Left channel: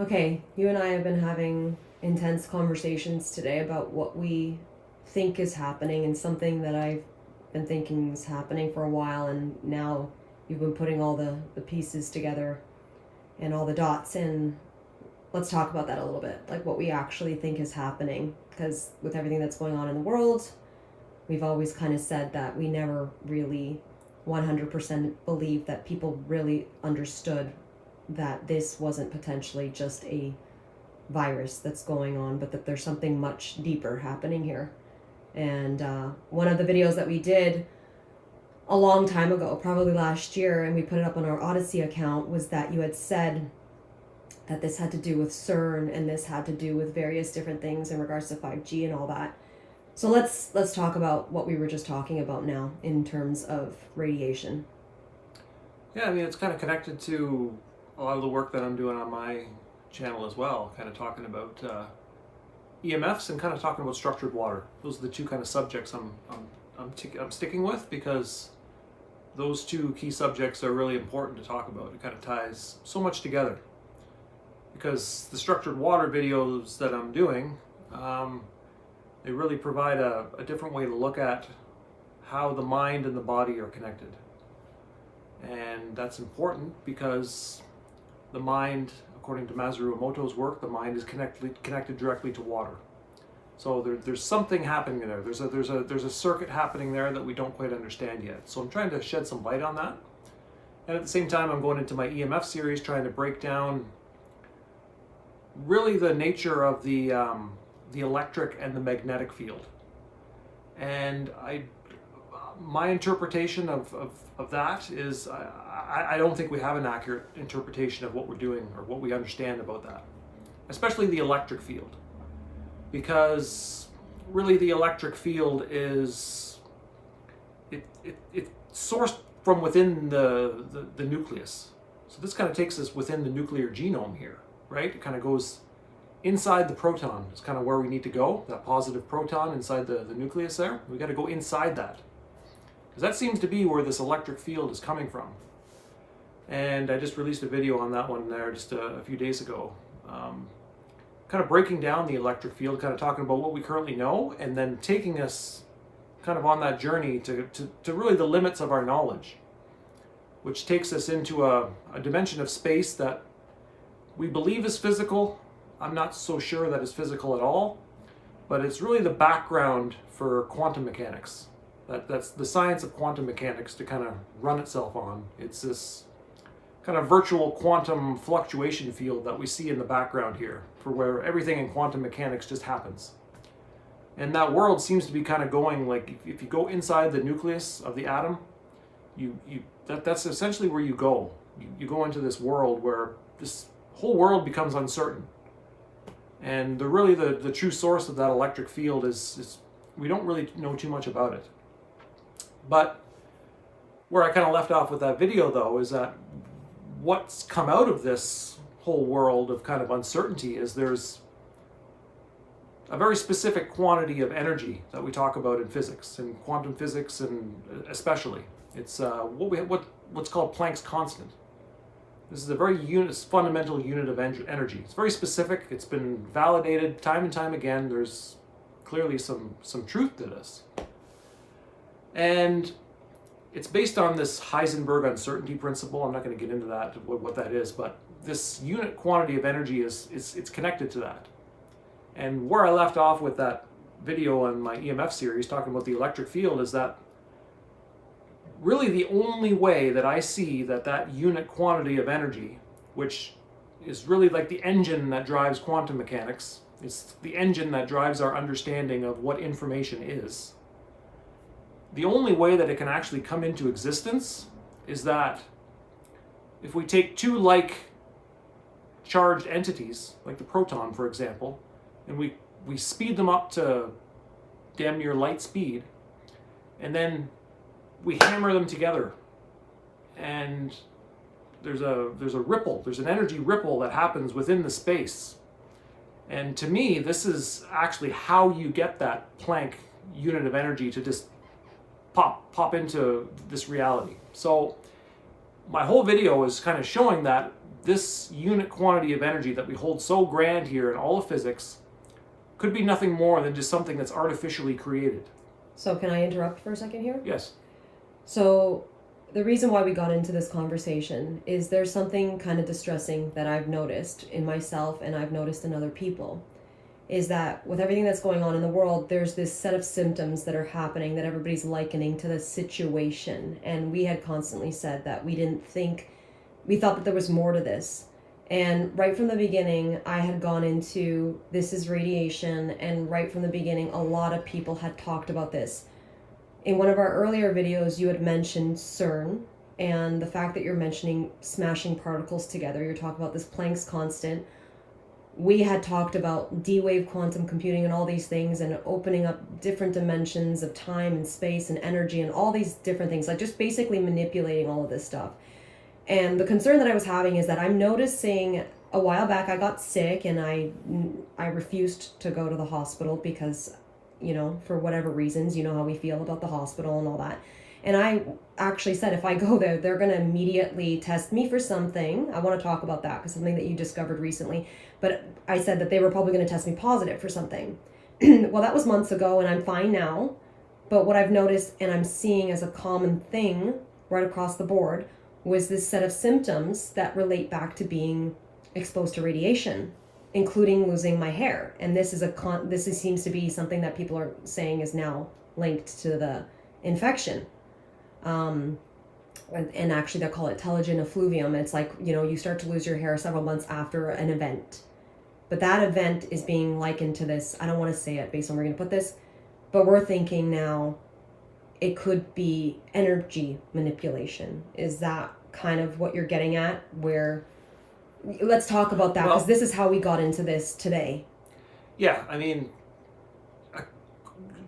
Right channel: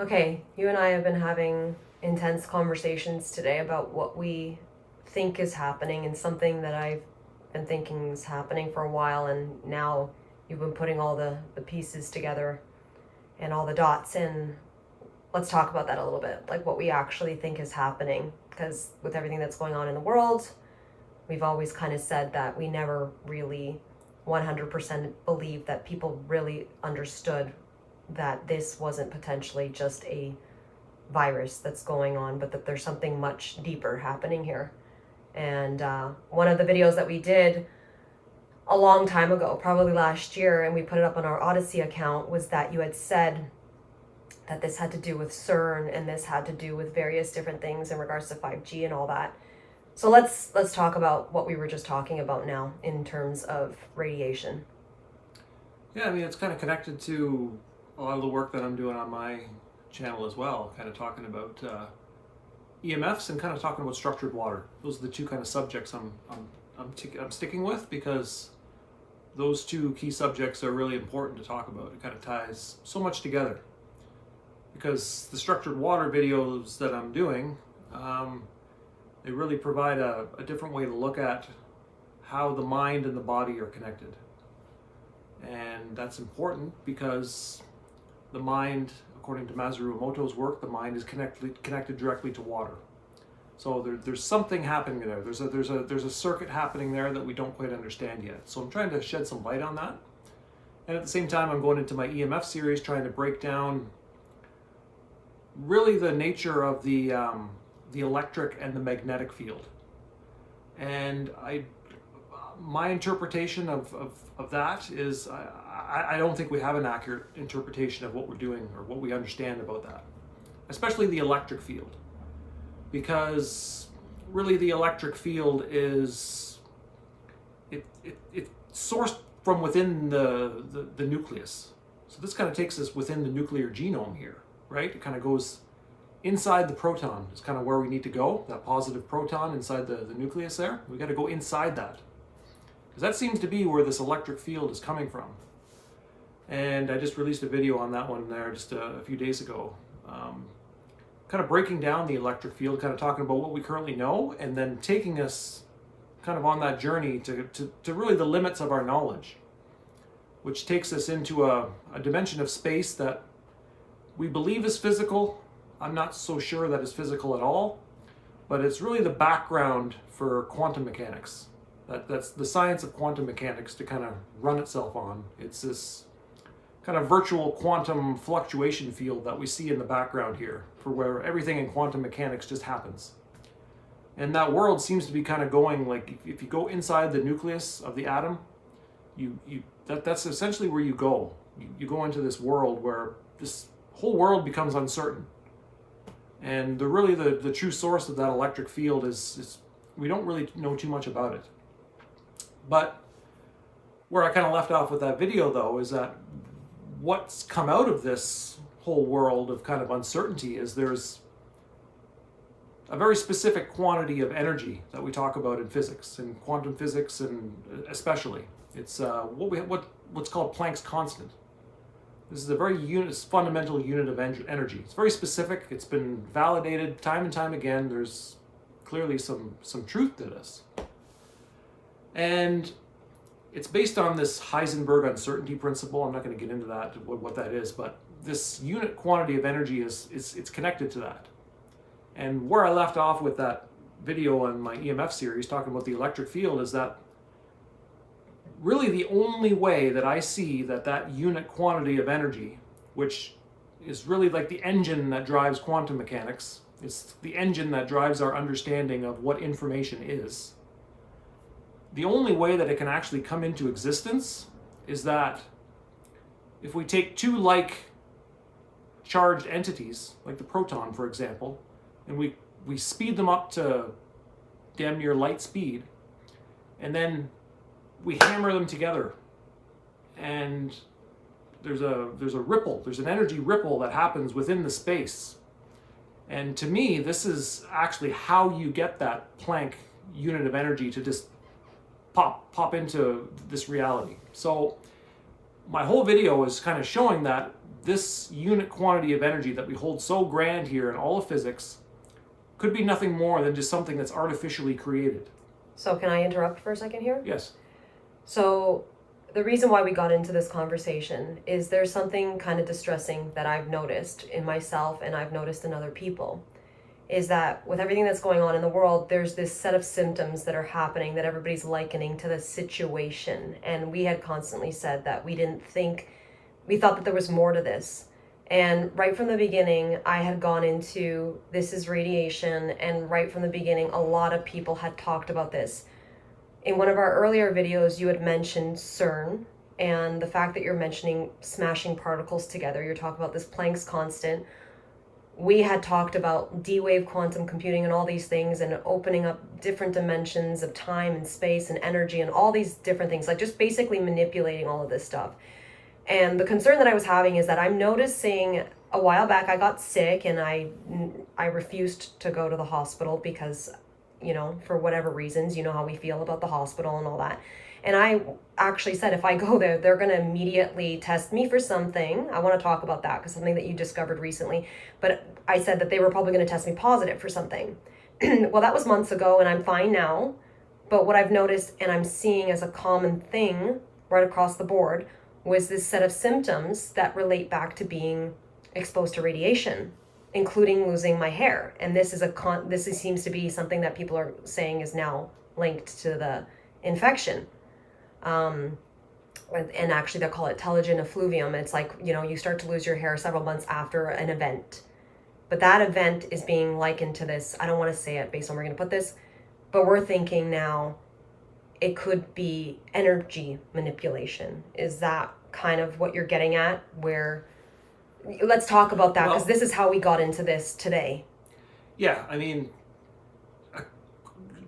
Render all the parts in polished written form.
Okay, you and I have been having intense conversations today about what we think is happening, and something that I've been thinking is happening for a while, and now you've been putting all the pieces together and all the dots in. Let's talk about that a little bit, like what we actually think is happening, because with everything that's going on in the world, we've always kind of said that we never really 100% believed that people really understood that this wasn't potentially just a virus that's going on, but that there's something much deeper happening here. And one of the videos that we did a long time ago, probably last year, and we put it up on our Odyssey account, was that you had said that this had to do with CERN, and this had to do with various different things in regards to 5G and all that. So let's talk about what we were just talking about now in terms of radiation. Yeah, I mean, it's kind of connected to a lot of the work that I'm doing on my channel as well, kind of talking about EMFs and kind of talking about structured water. Those are the two kind of subjects I'm sticking with, because those two key subjects are really important to talk about. It kind of ties so much together, because the structured water videos that I'm doing, they really provide a different way to look at how the mind and the body are connected. And that's important because the mind, according to Masaru Emoto's work, the mind is connected directly to water. So there's something happening there. There's a circuit happening there that we don't quite understand yet. So I'm trying to shed some light on that. And at the same time, I'm going into my EMF series, trying to break down really the nature of the electric and the magnetic field. And my interpretation of that is I don't think we have an accurate interpretation of what we're doing or what we understand about that, especially the electric field, because really the electric field is it's sourced from within the nucleus. So this kind of takes us within the nuclear genome here, right? It kind of goes inside the proton. Is kind of where we need to go, that positive proton inside the nucleus there. We got to go inside that, because that seems to be where this electric field is coming from. And I just released a video on that one there just a few days ago, kind of breaking down the electric field, kind of talking about what we currently know, and then taking us kind of on that journey to really the limits of our knowledge, which takes us into a dimension of space that we believe is physical. I'm not so sure that it's physical at all, but it's really the background for quantum mechanics. That's the science of quantum mechanics to kind of run itself on. It's this kind of virtual quantum fluctuation field that we see in the background here, for where everything in quantum mechanics just happens. And that world seems to be kind of going, like, if you go inside the nucleus of the atom, that's essentially where you go. You go into this world where this whole world becomes uncertain. And the true source of that electric field is we don't really know too much about it. But where I kind of left off with that video, though, is that what's come out of this whole world of kind of uncertainty is there's a very specific quantity of energy that we talk about in physics, in quantum physics, and especially it's what's called Planck's constant. This is a very fundamental unit of energy. It's very specific. It's been validated time and time again. There's clearly some truth to this. And it's based on this Heisenberg uncertainty principle. I'm not going to get into that, what that is, but this unit quantity of energy it's connected to that. And where I left off with that video on my EMF series talking about the electric field is that really the only way that I see that unit quantity of energy, which is really like the engine that drives quantum mechanics, it's the engine that drives our understanding of what information is. The only way that it can actually come into existence is that if we take two like charged entities, like the proton, for example, and we speed them up to damn near light speed, and then we hammer them together, and there's a ripple, there's an energy ripple that happens within the space. And to me, this is actually how you get that Planck unit of energy to just pop into this reality. So my whole video is kind of showing that this unit quantity of energy that we hold so grand here in all of physics could be nothing more than just something that's artificially created. So can I interrupt for a second here? Yes. So the reason why we got into this conversation is there's something kind of distressing that I've noticed in myself and I've noticed in other people, is that with everything that's going on in the world, there's this set of symptoms that are happening that everybody's likening to the situation. And we had constantly said that we thought that there was more to this. And right from the beginning, I had gone into this is radiation, and right from the beginning, a lot of people had talked about this. In one of our earlier videos, you had mentioned CERN, and the fact that you're mentioning smashing particles together. You're talking about this Planck's constant. We had talked about D-wave quantum computing and all these things, and opening up different dimensions of time and space and energy and all these different things, like just basically manipulating all of this stuff. And the concern that I was having is that I'm noticing a while back I got sick and I refused to go to the hospital because, you know, for whatever reasons, you know how we feel about the hospital and all that. And I actually said, if I go there, they're going to immediately test me for something. I want to talk about that because something that you discovered recently. But I said that they were probably going to test me positive for something. Well, that was months ago and I'm fine now. But what I've noticed and I'm seeing as a common thing right across the board was this set of symptoms that relate back to being exposed to radiation, including losing my hair. And this seems to be something that people are saying is now linked to the infection. And actually they call it telogen effluvium. It's like, you know, you start to lose your hair several months after an event. But that event is being likened to this. I don't want to say it based on where we're going to put this, but we're thinking now it could be energy manipulation. Is that kind of what you're getting at? Where, let's talk about that, because this is how we got into this today. Yeah, I mean,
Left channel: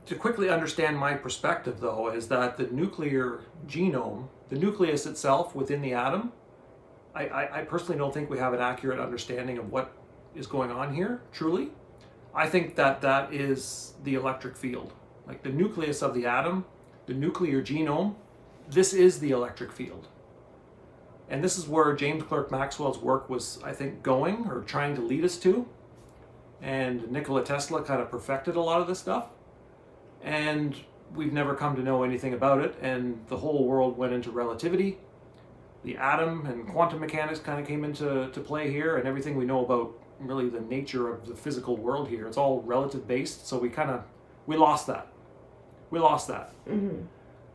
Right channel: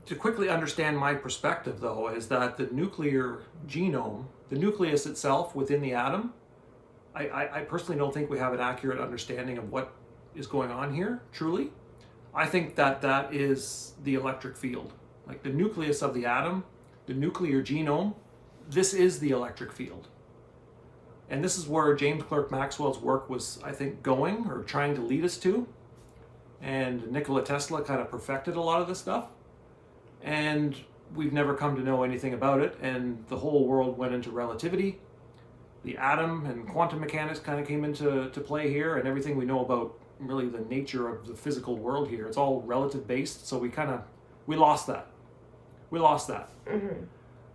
to quickly understand my perspective, though, is that the nuclear genome, the nucleus itself within the atom, I personally don't think we have an accurate understanding of what is going on here, truly. I think that that is the electric field. Like the nucleus of the atom, the nuclear genome, this is the electric field. And this is where James Clerk Maxwell's work was, I think, going or trying to lead us to. And Nikola Tesla kind of perfected a lot of this stuff. And we've never come to know anything about it. And the whole world went into relativity. The atom and quantum mechanics kind of came into play here. And everything we know about really the nature of the physical world here, it's all relative based. So we lost that. We lost that. Mm-hmm.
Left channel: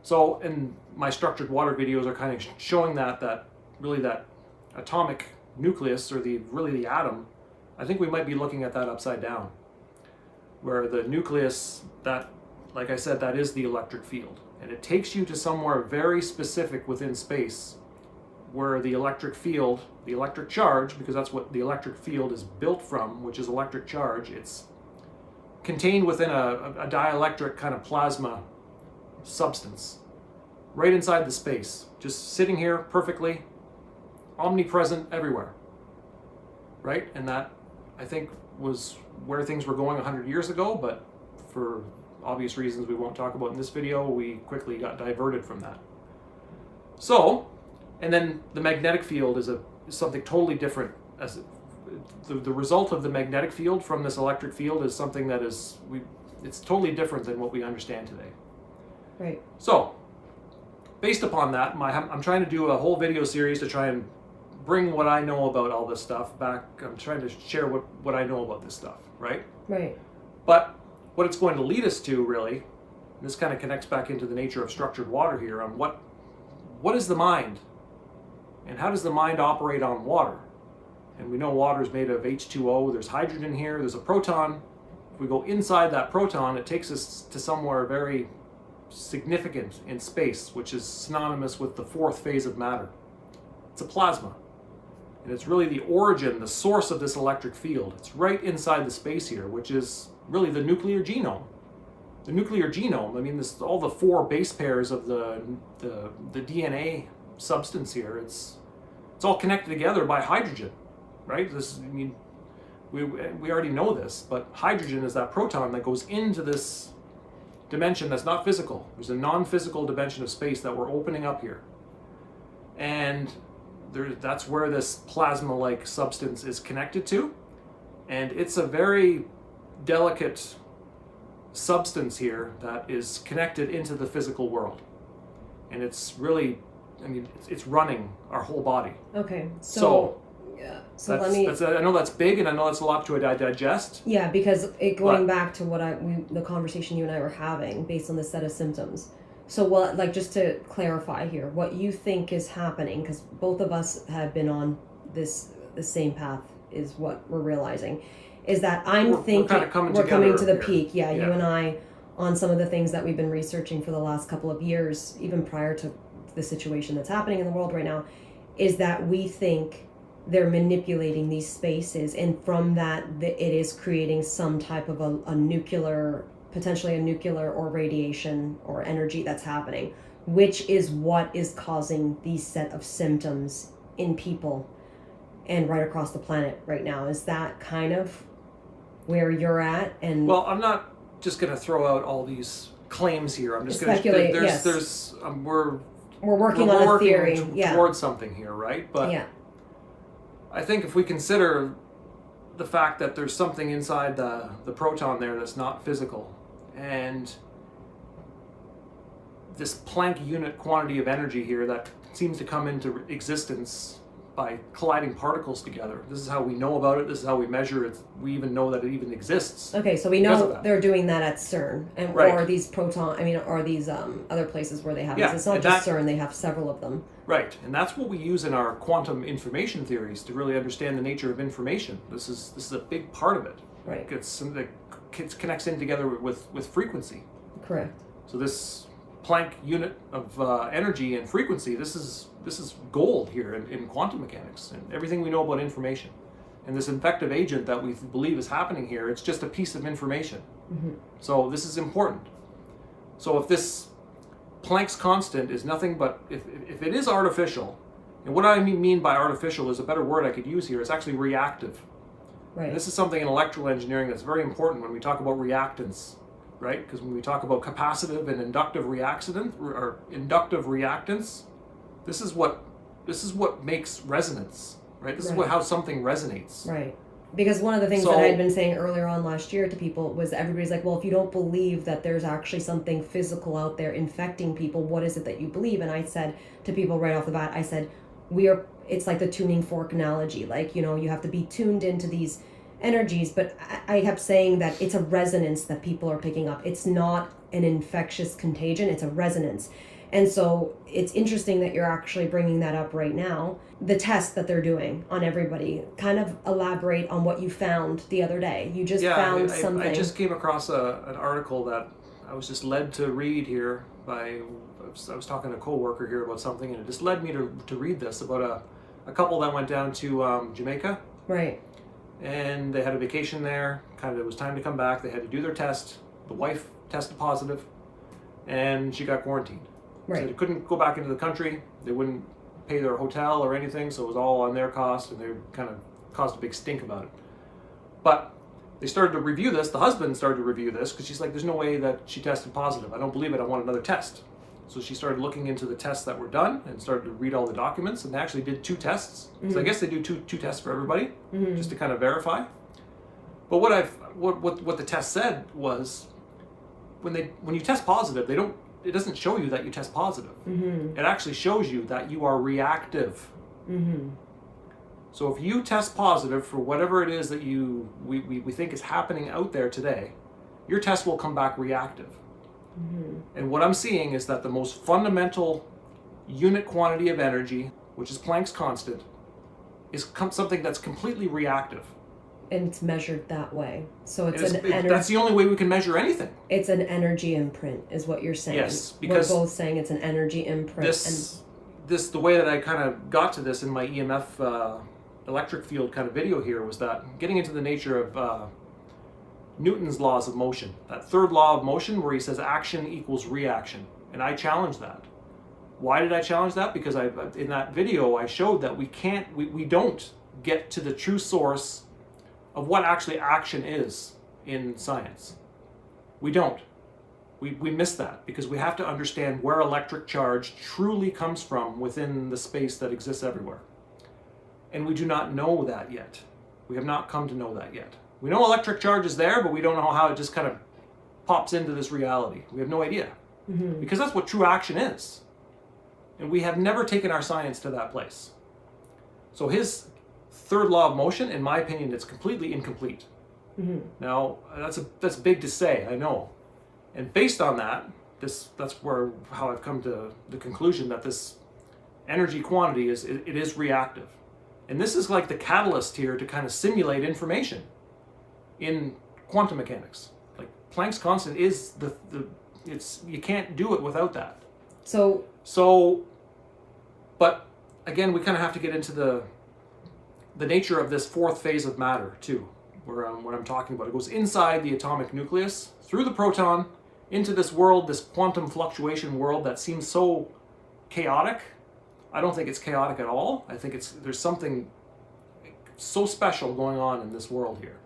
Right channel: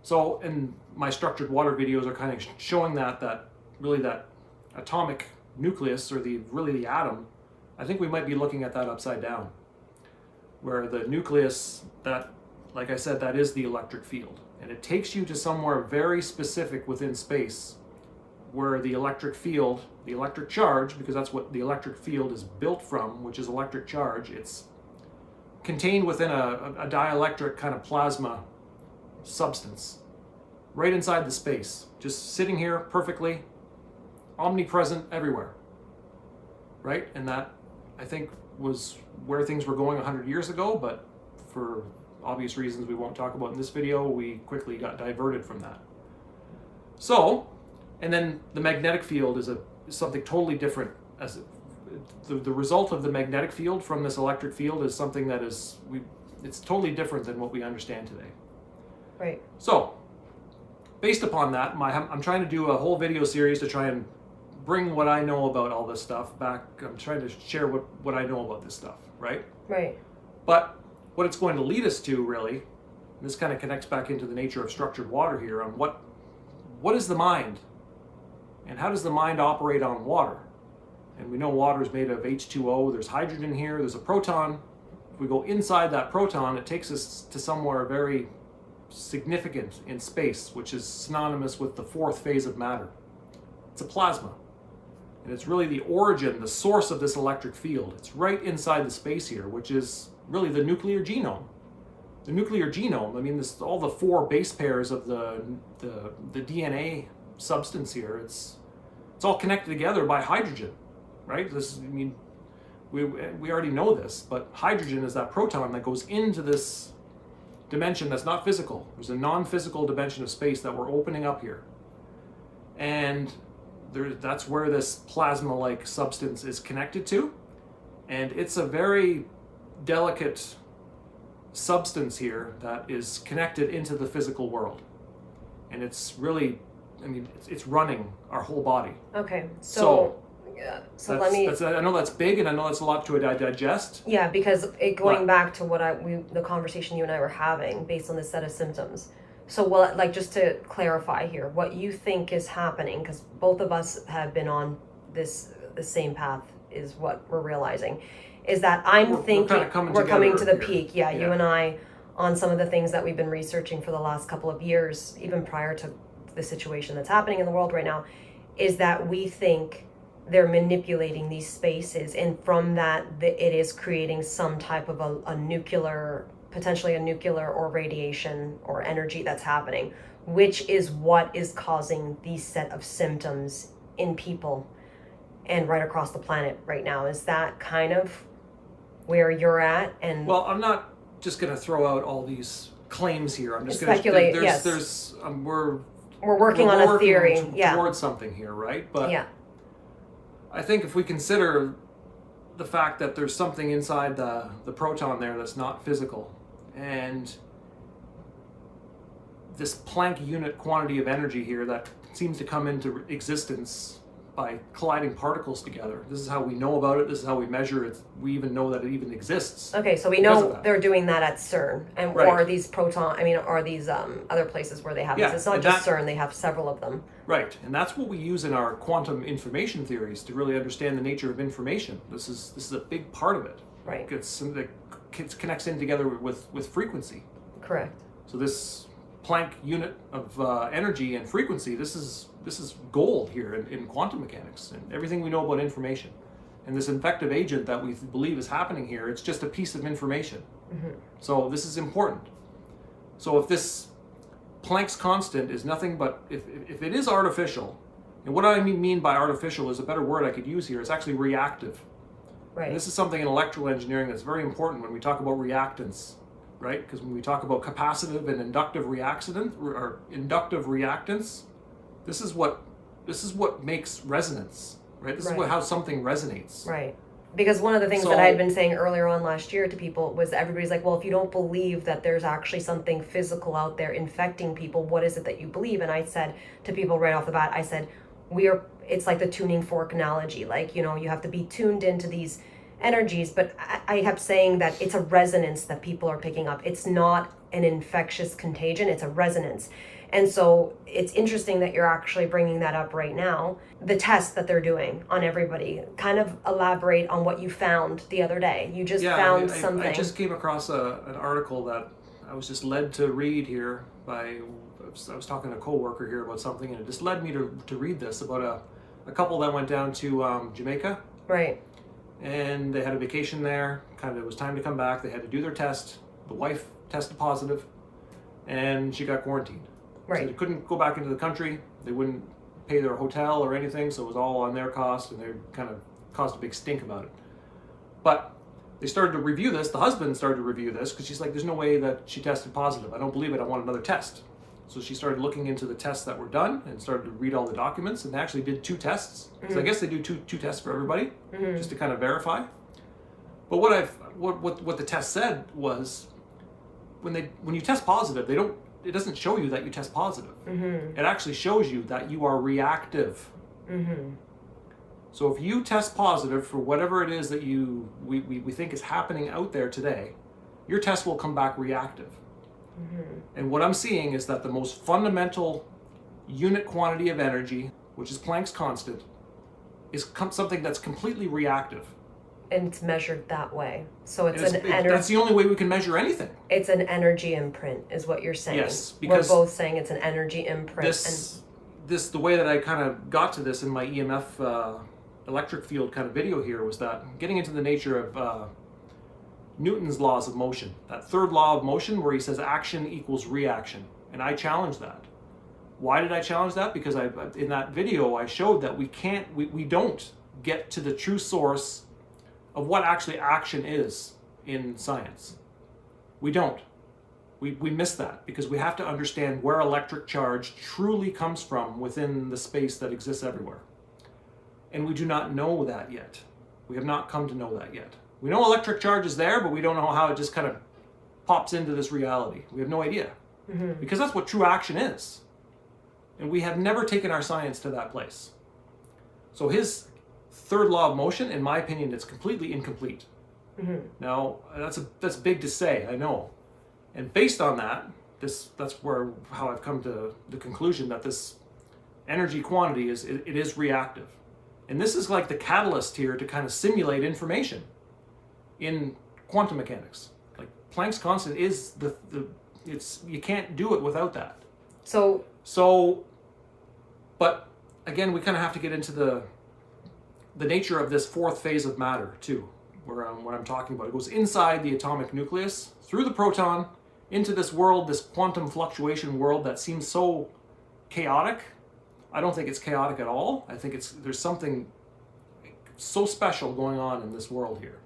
So, and my structured water videos are kind of showing that really that atomic nucleus, or the atom. I think we might be looking at that upside down, where the nucleus, that, like I said, that is the electric field, and it takes you to somewhere very specific within space, where the electric field, the electric charge, because that's what the electric field is built from, which is electric charge. It's contained within a dielectric kind of plasma substance, right inside the space, just sitting here perfectly, omnipresent everywhere, right? And that, I think, was where things were going 100 years ago, but for obvious reasons we won't talk about in this video, we quickly got diverted from that. So, and then the magnetic field is something totally different. As the result of the magnetic field from this electric field is something that it's totally different than what we understand today. Right. So, based upon that, I'm trying to do a whole video series to try and bring what I know about all this stuff back. I'm trying to share what I know about this stuff, right? Right. But what it's going to lead us to, really, and this kind of connects back into the nature of structured water here, on what is the mind? And how does the mind operate on water? And we know water is made of H2O, there's hydrogen here, there's a proton. If we go inside that proton, it takes us to somewhere very significant in space, which is synonymous with the fourth phase of matter. It's a plasma. And it's really the origin, the source of this electric field. It's right inside the space here, which is really the nuclear genome. The nuclear genome, I mean, this all the four base pairs of the DNA substance here, it's all connected together by hydrogen, right? We already know this, but hydrogen is that proton that goes into this dimension that's not physical. There's a non-physical dimension of space that we're opening up here. And that's where this plasma-like substance is connected to, and it's a very delicate substance here that is connected into the physical world, and it's really, I mean, it's running our whole body. Okay, so yeah, so let me. I know that's big, and I know that's a lot to digest. Yeah, because going back to what the conversation you and I were having based on this set of symptoms. So, well, like, just to clarify here, what you think is happening, because both of us have been on the same path, is what we're realizing, is that we're kind of coming to the peak. Yeah, you and I, on some of the things that we've been researching for the last couple of years, even prior to the situation that's happening in the world right now, is that we think they're manipulating these spaces, and from that, it is creating some type of a nuclear, potentially a nuclear or radiation or energy that's happening, which is what is causing these set of symptoms in people and right across the planet right now. Is that kind of where you're at? And well, I'm not just going to throw out all these claims here. I'm just going to speculate. We're working on a theory towards something here, right? But yeah. I think if we consider the fact that there's something inside the proton there that's not physical, and this Planck unit quantity of energy here that seems to come into existence by colliding particles together. This is how we know about it. This is how we measure it. We even know that it even exists. Okay, so we know they're doing that at CERN, and right. or these or these other places where they have this. It's not just CERN; they have several of them. Right, and that's what we use in our quantum information theories to really understand the nature of information. This is a big part of it. Right, it's something that connects in together with frequency. Correct. So this Planck unit of energy and frequency, this is gold here in quantum mechanics and everything we know about information. And this infective agent that we believe is happening here, it's just a piece of information. Mm-hmm. So this is important. So if this Planck's constant is nothing but, if it is artificial, and what I mean by artificial is a better word I could use here, it's actually reactive. Right. And this is something in electrical engineering that's very important when we talk about reactance, right? Because when we talk about capacitive and inductive inductive reactance, this is what makes resonance, right? This is how something resonates. Right. Because one of the things that I had been saying earlier on last year to people was everybody's like, well, if you don't believe that there's actually something physical out there infecting people, what is it that you believe? And I said to people right off the bat, I said, it's like the tuning fork analogy. Like, you have to be tuned into these energies, but I kept saying that it's a resonance that people are picking up. It's not an infectious contagion, it's a resonance. And so it's interesting that you're actually bringing that up right now. The test that they're doing on everybody, kind of elaborate on what you found the other day. You just found something. I just came across an article that I was just led to read here I was talking to a coworker here about something, and it just led me to read this about a couple that went down to Jamaica. Right. And they had a vacation there. It was time to come back. They had to do their test. The wife tested positive, and she got quarantined. Right. So they couldn't go back into the country. They wouldn't pay their hotel or anything, so it was all on their cost, and they kind of caused a big stink about it. But they started to review this. The husband started to review this because she's like, there's no way that she tested positive. I don't believe it. I want another test. So she started looking into the tests that were done and started to read all the documents, and they actually did 2 tests. Mm-hmm. So I guess they do two tests for everybody, mm-hmm. just to kind of verify. But what the test said was, when you test positive, it doesn't show you that you test positive. Mm-hmm. It actually shows you that you are reactive. Mm-hmm. So if you test positive for whatever it is that we think is happening out there today, your test will come back reactive. Mm-hmm. And what I'm seeing is that the most fundamental unit quantity of energy, which is Planck's constant, is something that's completely reactive. And it's measured that way. So it's energy. That's the only way we can measure anything. It's an energy imprint, is what you're saying. Yes, because we're both saying it's an energy imprint. The way that I kind of got to this in my EMF electric field kind of video here was that getting into the nature of Newton's laws of motion, that third law of motion where he says action equals reaction, and I challenged that. Why did I challenge that? Because in that video I showed that we don't get to the true source of what actually action is in science. We don't. We miss that because we have to understand where electric charge truly comes from within the space that exists everywhere. And we do not know that yet. We have not come to know that yet. We know electric charge is there, but we don't know how it just kind of pops into this reality. We have no idea. Because that's what true action is. And we have never taken our science to that place. So his third law of motion, in my opinion, it's completely incomplete. Now, that's big to say, I know. And based on that, that's how I've come to the conclusion that this energy quantity is reactive. And this is like the catalyst here to kind of simulate information in quantum mechanics. Like Planck's constant is you can't do it without that. So, but again, we kind of have to get into the nature of this fourth phase of matter too, what I'm talking about. It goes inside the atomic nucleus, through the proton, into this world, this quantum fluctuation world that seems so chaotic. I don't think it's chaotic at all. I think there's something so special going on in this world here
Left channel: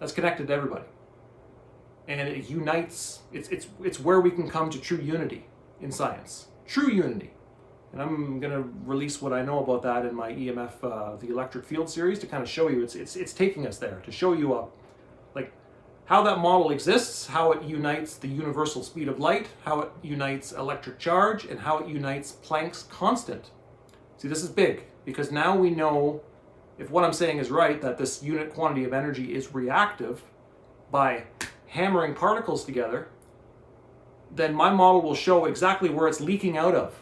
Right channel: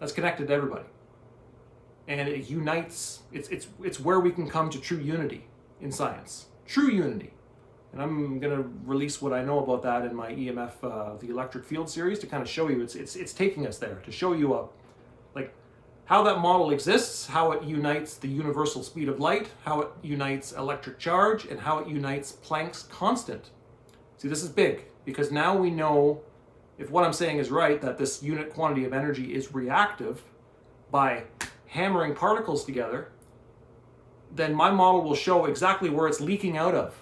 that's connected to everybody. And it unites, it's where we can come to true unity in science. True unity. And I'm going to release what I know about that in my EMF, the electric field series, to kind of show you, it's taking us there, to show you like how that model exists, how it unites the universal speed of light, how it unites electric charge, and how it unites Planck's constant. See, this is big, because now we know, if what I'm saying is right, that this unit quantity of energy is reactive by hammering particles together, then my model will show exactly where it's leaking out of.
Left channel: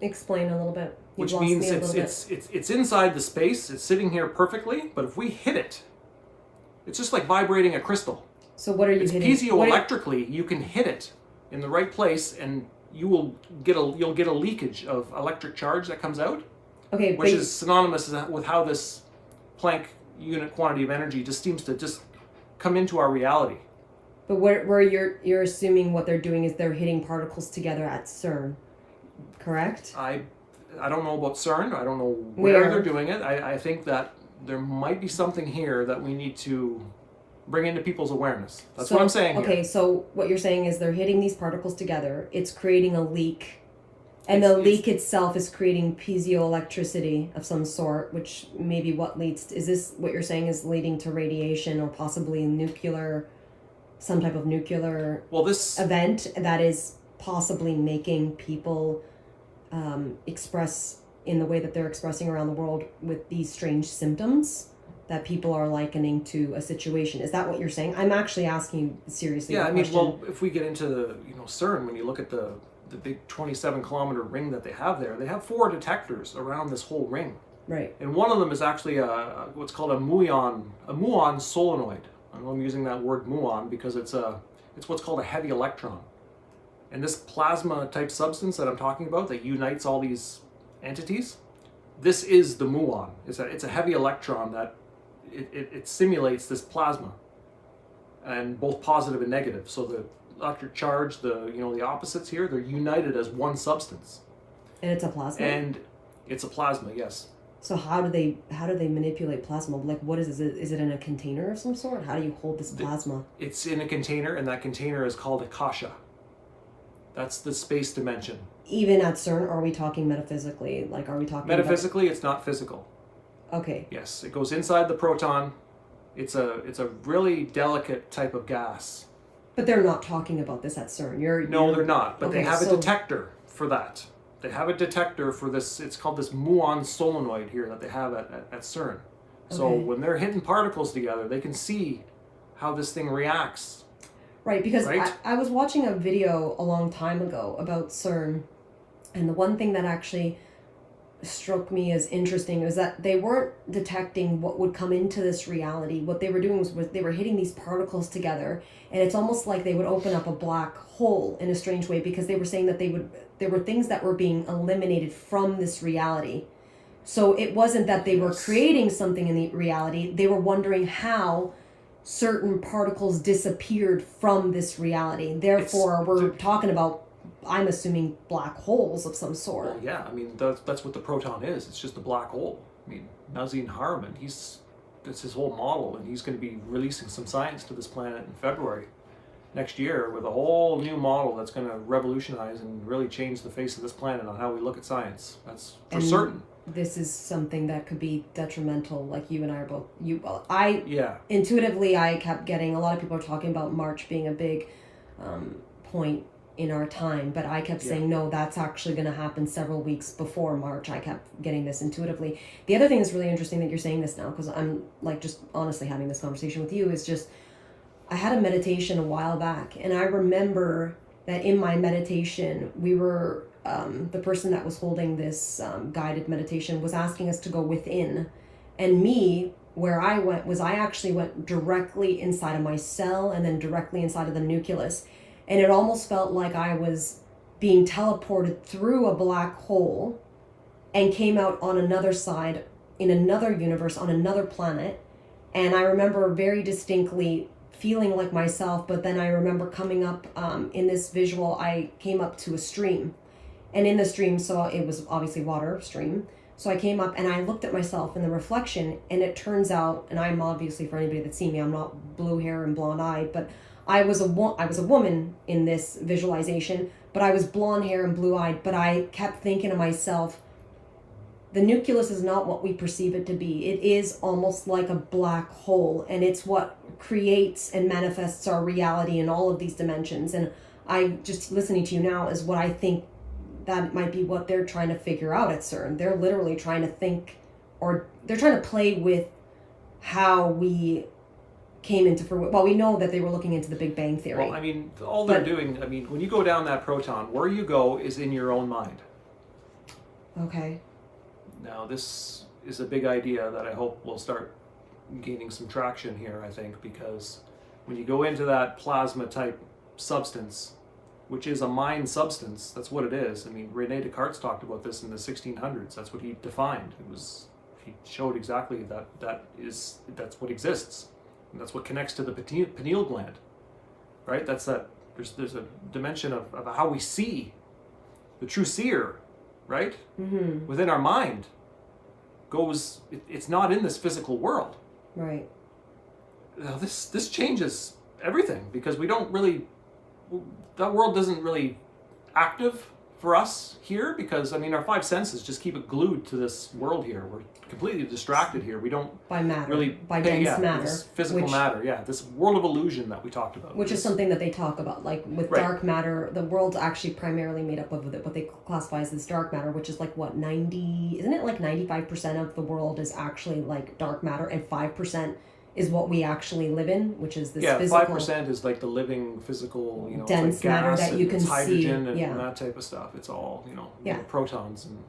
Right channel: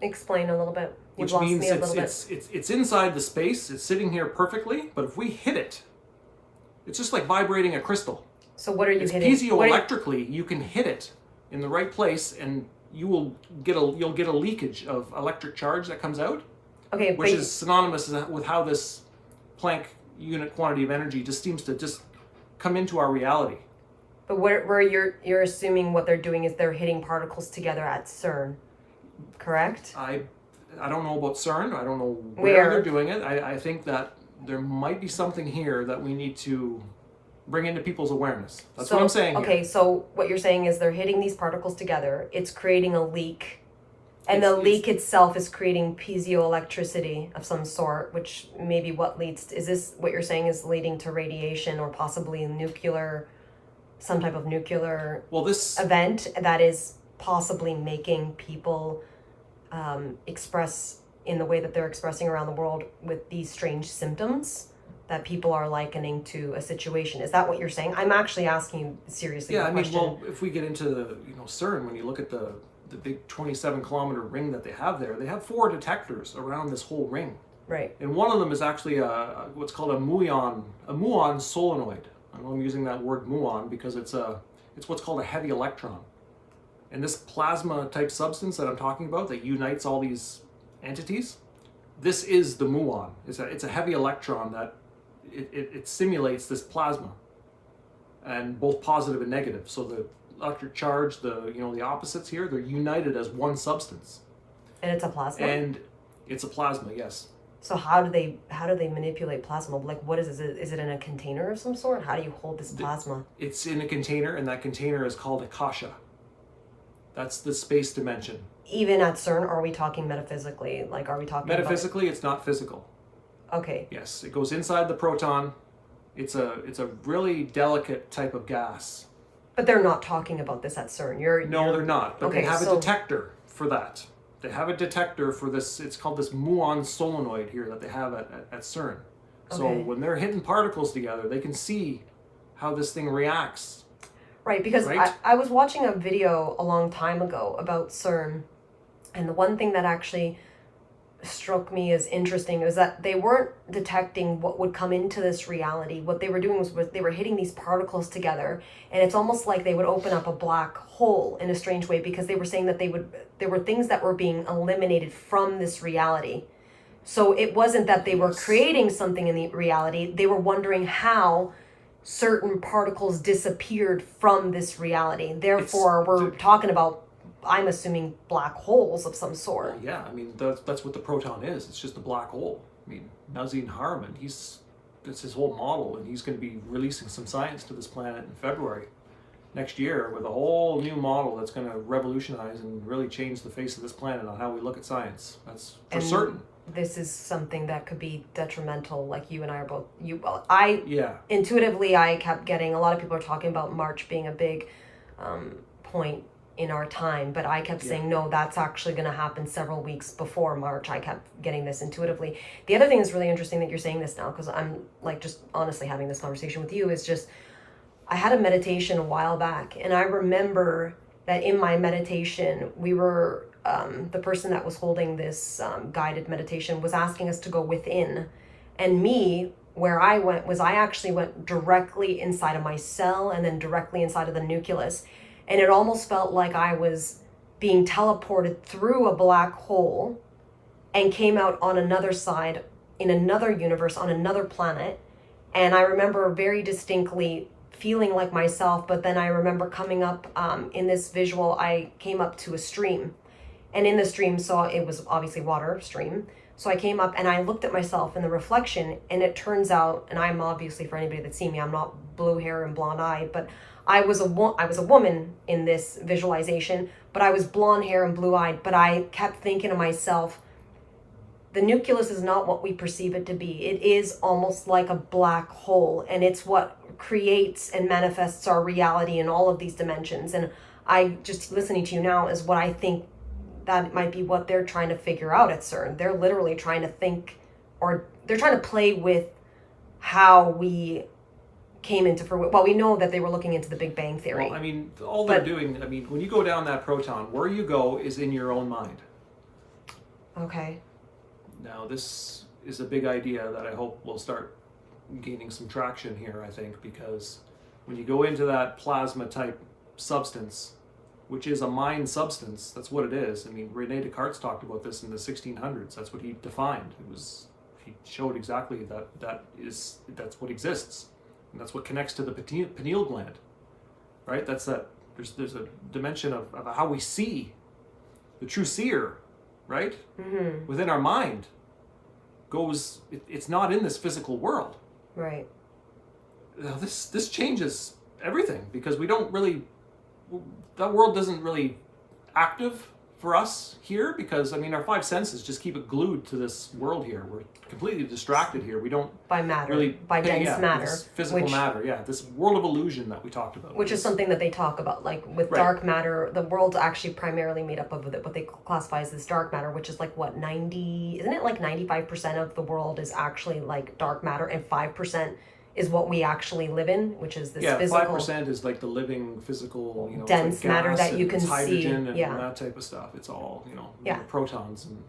Explain a little bit. Which means it's inside the space, it's sitting here perfectly, but if we hit it, it's just like vibrating a crystal. So what are you hitting? Piezoelectrically, you can hit it in the right place, and you'll get a leakage of electric charge that comes out. Okay, which is synonymous with how this Planck unit quantity of energy just seems to just come into our reality. But where you're assuming what they're doing is they're hitting particles together at CERN, correct? I don't know about CERN. I don't know where they're doing it. I think that there might be something here that we need to bring into people's awareness. That's what I'm saying here. Okay, so what you're saying is they're hitting these particles together. It's creating a leak. And the leak itself is creating piezoelectricity of some sort, which maybe is this what you're saying is leading to radiation or possibly some type of nuclear event that is possibly making people express in the way that they're expressing around the world with these strange symptoms that people are likening to a situation. Is that what you're saying? I'm actually asking you seriously. Yeah, I mean, well, if we get into CERN, when you look at the big 27-kilometer ring that they have there, they have 4 detectors around this whole ring. Right. And one of them is actually what's called a muon solenoid. I know I'm using that word muon because it's what's called a heavy electron. And this plasma type substance that I'm talking about that unites all these entities, this is the muon. It's a heavy electron that it simulates this plasma, and both positive and negative. So the electric charge, the opposites here, they're united as one substance. And it's a plasma. And it's a plasma, yes. So how do they manipulate plasma? Like, what is it? Is it in a container of some sort? How do you hold this plasma? It's in a container, and that container is called akasha. That's the space dimension. Even at CERN, or are we talking metaphysically? Like, are we talking metaphysically? It's not physical. Okay. Yes, it goes inside the proton. It's a really delicate type of gas. But they're not talking about this at CERN. No, they're not. But they have a detector for that. They have a detector for this. It's called this muon solenoid here that they have at CERN. So when they're hitting particles together, they can see how this thing reacts. Right, because I was watching a video a long time ago about CERN, and the one thing that actually struck me as interesting was that they weren't detecting what would come into this reality. What they were doing was they were hitting these particles together, and it's almost like they would open up a black hole in a strange way, because they were saying that there were things that were being eliminated from this reality. So it wasn't that they were creating something in the reality, they were wondering how certain particles disappeared from this reality. Therefore, we're talking about, I'm assuming, black holes of some sort. Well, yeah, I mean, that's what the proton is. It's just a black hole. I mean, Nazim Harriman, that's his whole model, and he's going to be releasing some science to this planet in February next year with a whole new model that's going to revolutionize and really change the face of this planet on how we look at science. That's for certain. this is something that could be detrimental. Like you and I are both. Intuitively, I kept getting, a lot of people are talking about March being a big point in our time, but I kept saying, no, that's actually going to happen several weeks before March. I kept getting this intuitively. The other thing that's really interesting that you're saying this now, because I'm like just honestly having this conversation with you, is just, I had a meditation a while back, and I remember that in my meditation, we were, the person that was holding this guided meditation was asking us to go within. And me, where I went was I actually went directly inside of my cell and then directly inside of the nucleus. And it almost felt like I was being teleported through a black hole and came out on another side, in another universe, on another planet. And I remember very distinctly feeling like myself, but then I remember coming up in this visual, I came up to a stream. And in the stream, it was obviously water stream. So I came up and I looked at myself in the reflection, and it turns out, and I'm obviously, for anybody that's seen me, I'm not blue hair and blonde eyed, but I was a woman in this visualization, but I was blonde hair and blue eyed. But I kept thinking to myself, the nucleus is not what we perceive it to be. It is almost like a black hole, and it's what creates and manifests our reality in all of these dimensions. And I just listening to you now is what I think that might be what they're trying to figure out at CERN. They're literally trying to think, or they're trying to play with how we came into fruition. Well, we know that they were looking into the Big Bang Theory. Well, I mean, all they're doing, I mean, when you go down that proton, where you go is in your own mind. Okay. Now, this is a big idea that I hope will start gaining some traction here, I think, because when you go into that plasma type substance, which is a mind substance, that's what it is. I mean, René Descartes talked about this in the 1600s. That's what he defined. He showed exactly that's what exists. And that's what connects to the pineal gland, right? There's a dimension of how we see, the true seer, right? Mm-hmm. Within our mind it's not in this physical world. Right. Now this changes everything, because that world isn't really active for us here, because I mean our five senses just keep it glued to this world here. We're completely distracted here. We don't by matter, really by dense matter, this physical matter. Yeah, this world of illusion that we talked about, which is something that they talk about. Like with dark matter, the world's actually primarily made up of what they classify as this dark matter, which is like what 95% of the world is actually like dark matter, and 5% is what we actually live in, which is this physical. 5% is like the living physical, dense like gas matter that you can hydrogen see, and that type of stuff. It's all protons, and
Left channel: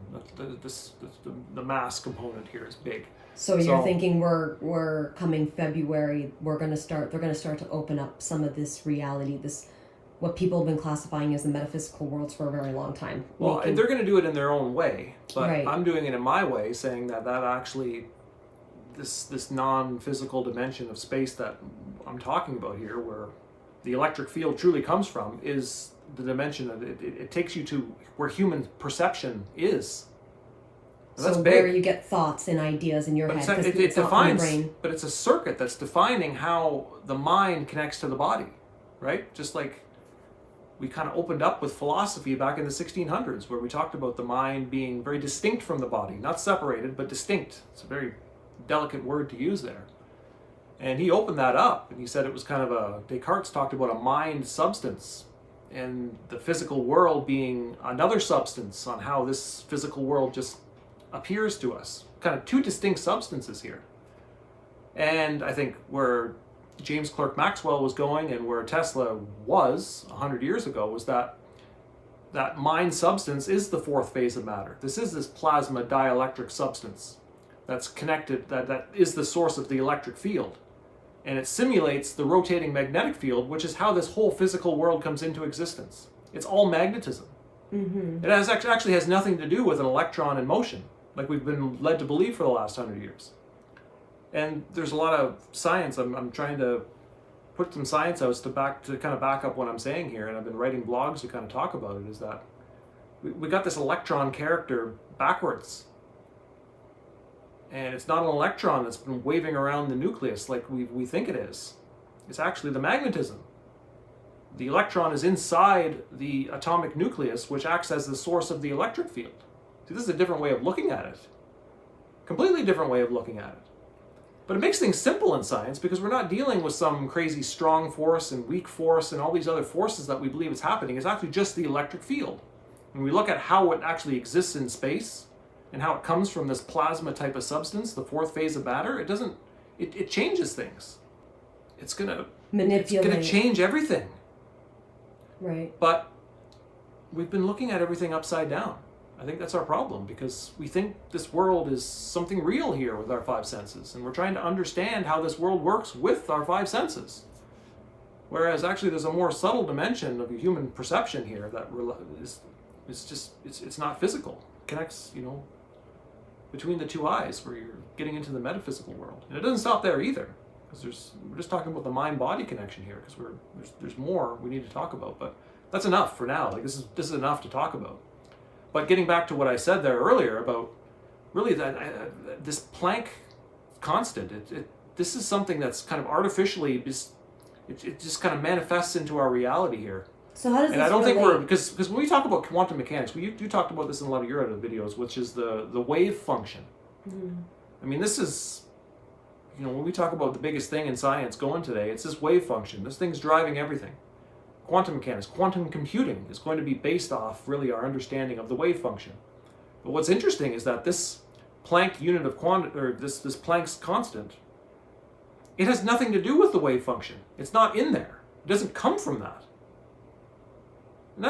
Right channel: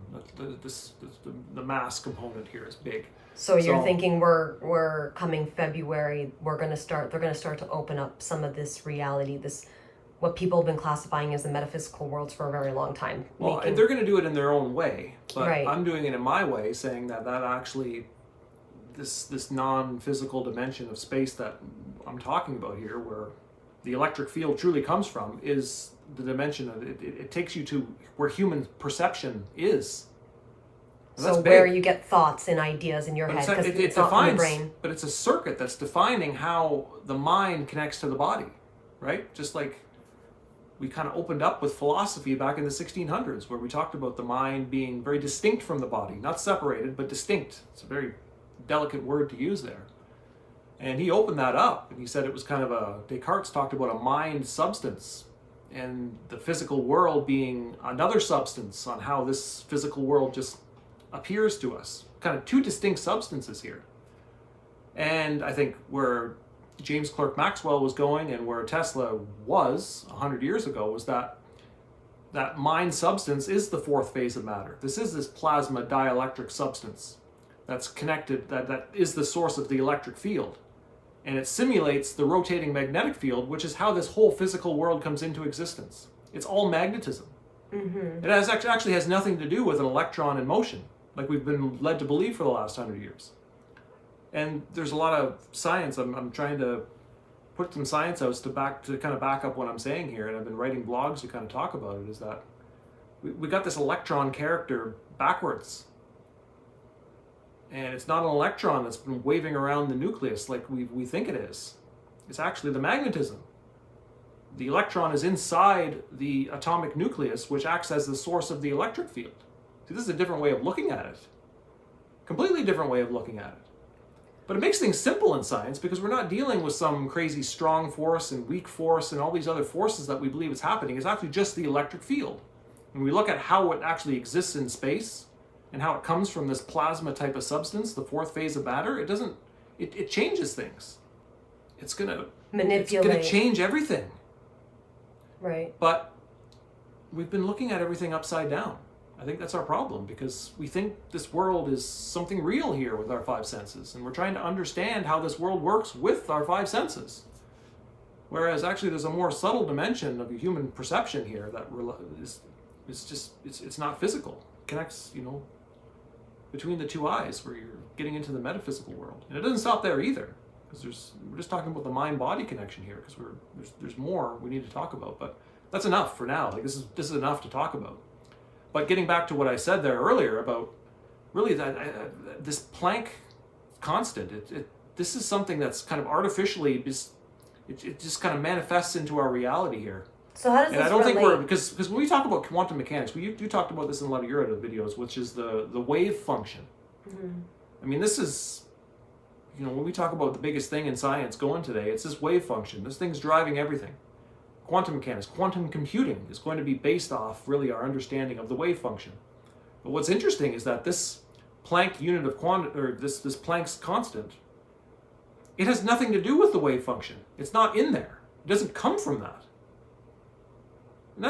the mass component here is big. So you're thinking we're coming February, they're gonna start to open up some of this reality, this what people have been classifying as the metaphysical worlds for a very long time. Well, they're gonna do it in their own way, but right. I'm doing it in my way, saying that actually this non-physical dimension of space that I'm talking about here, where the electric field truly comes from, is the dimension of it takes you to where human perception is. And so where you get thoughts and ideas in your head, because it's not from the brain. But it's a circuit that's defining how the mind connects to the body, right? Just like we kind of opened up with philosophy back in the 1600s, where we talked about the mind being very distinct from the body, not separated, but distinct. It's a very delicate word to use there. And he opened that up, and he said it was kind of Descartes talked about a mind substance, and the physical world being another substance, on how this physical world just appears to us. Kind of two distinct substances here. And I think where James Clerk Maxwell was going, and where Tesla was 100 years ago, was that mind substance is the fourth phase of matter. This is this plasma dielectric substance that's connected, that is the source of the electric field. And it simulates the rotating magnetic field, which is how this whole physical world comes into existence. It's all magnetism. Mm-hmm. It actually has nothing to do with an electron in motion, like we've been led to believe for the last 100 years. And there's a lot of science. I'm trying to put some science out to kind of back up what I'm saying here, and I've been writing blogs to kind of talk about it, is that we got this electron character backwards. And it's not an electron that's been waving around the nucleus like we think it is. It's actually the magnetism. The electron is inside the atomic nucleus, which acts as the source of the electric field. See, this is a different way of looking at it. Completely different way of looking at it. But it makes things simple in science because we're not dealing with some crazy strong force and weak force and all these other forces that we believe is happening. It's actually just the electric field. When we look at how it actually exists in space and how it comes from this plasma type of substance, the fourth phase of matter, it changes things. It's gonna change everything. Right. But we've been looking at everything upside down. I think that's our problem, because we think this world is something real here with our five senses, and we're trying to understand how this world works with our five senses. Whereas actually there's a more subtle dimension of human perception here that it's not physical. It connects, between the two eyes, where you're getting into the metaphysical world. And it doesn't stop there either, because we're just talking about the mind-body connection here, because there's more we need to talk about. But that's enough for now. Like this is enough to talk about. But getting back to what I said there earlier about really this Planck constant, this is something that's kind of artificially, it just kind of manifests into our reality here. So how does and this I don't think relate? because when we talk about quantum mechanics, you talked about this in a lot of your other videos, which is the wave function. Mm-hmm. I mean, this is, when we talk about the biggest thing in science going today, it's this wave function. This thing's driving everything. Quantum mechanics, quantum computing is going to be based off really our understanding of the wave function. But what's interesting is that this Planck unit of this Planck's constant, it has nothing to do with the wave function. It's not in there. It doesn't come from that. And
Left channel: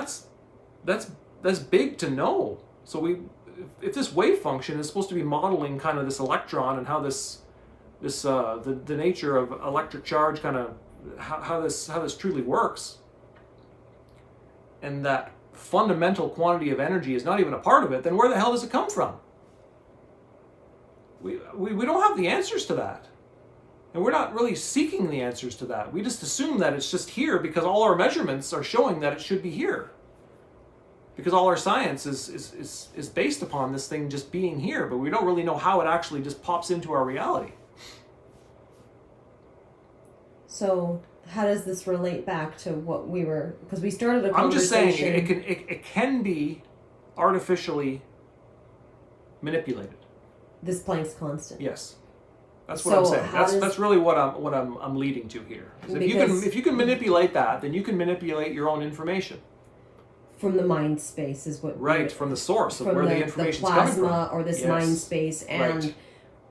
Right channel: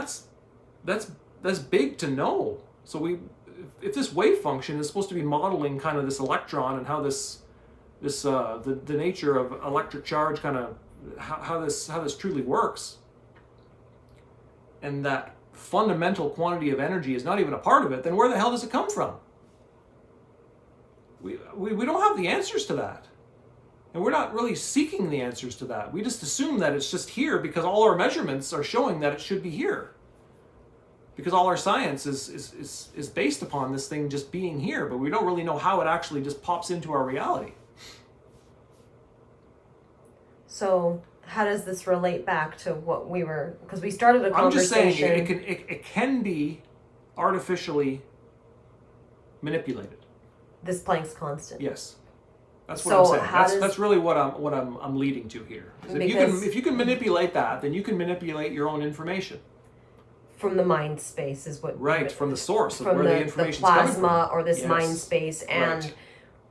that's big to know. So if this wave function is supposed to be modeling kind of this electron and how the nature of electric charge kind of how this truly works, and that fundamental quantity of energy is not even a part of it, then where the hell does it come from? We don't have the answers to that. And we're not really seeking the answers to that. We just assume that it's just here because all our measurements are showing that it should be here. Because all our science is based upon this thing just being here, but we don't really know how it actually just pops into our reality. So how does this relate back to what we were, because we started a I'm just conversation. saying it can be artificially manipulated. This Planck's constant. Yes. That's what I'm saying. That's really what I'm leading to here. Is if you can manipulate that, then you can manipulate your own information. From the mind space is what. Right, from the source of where the information is coming from. The plasma or this mind space, and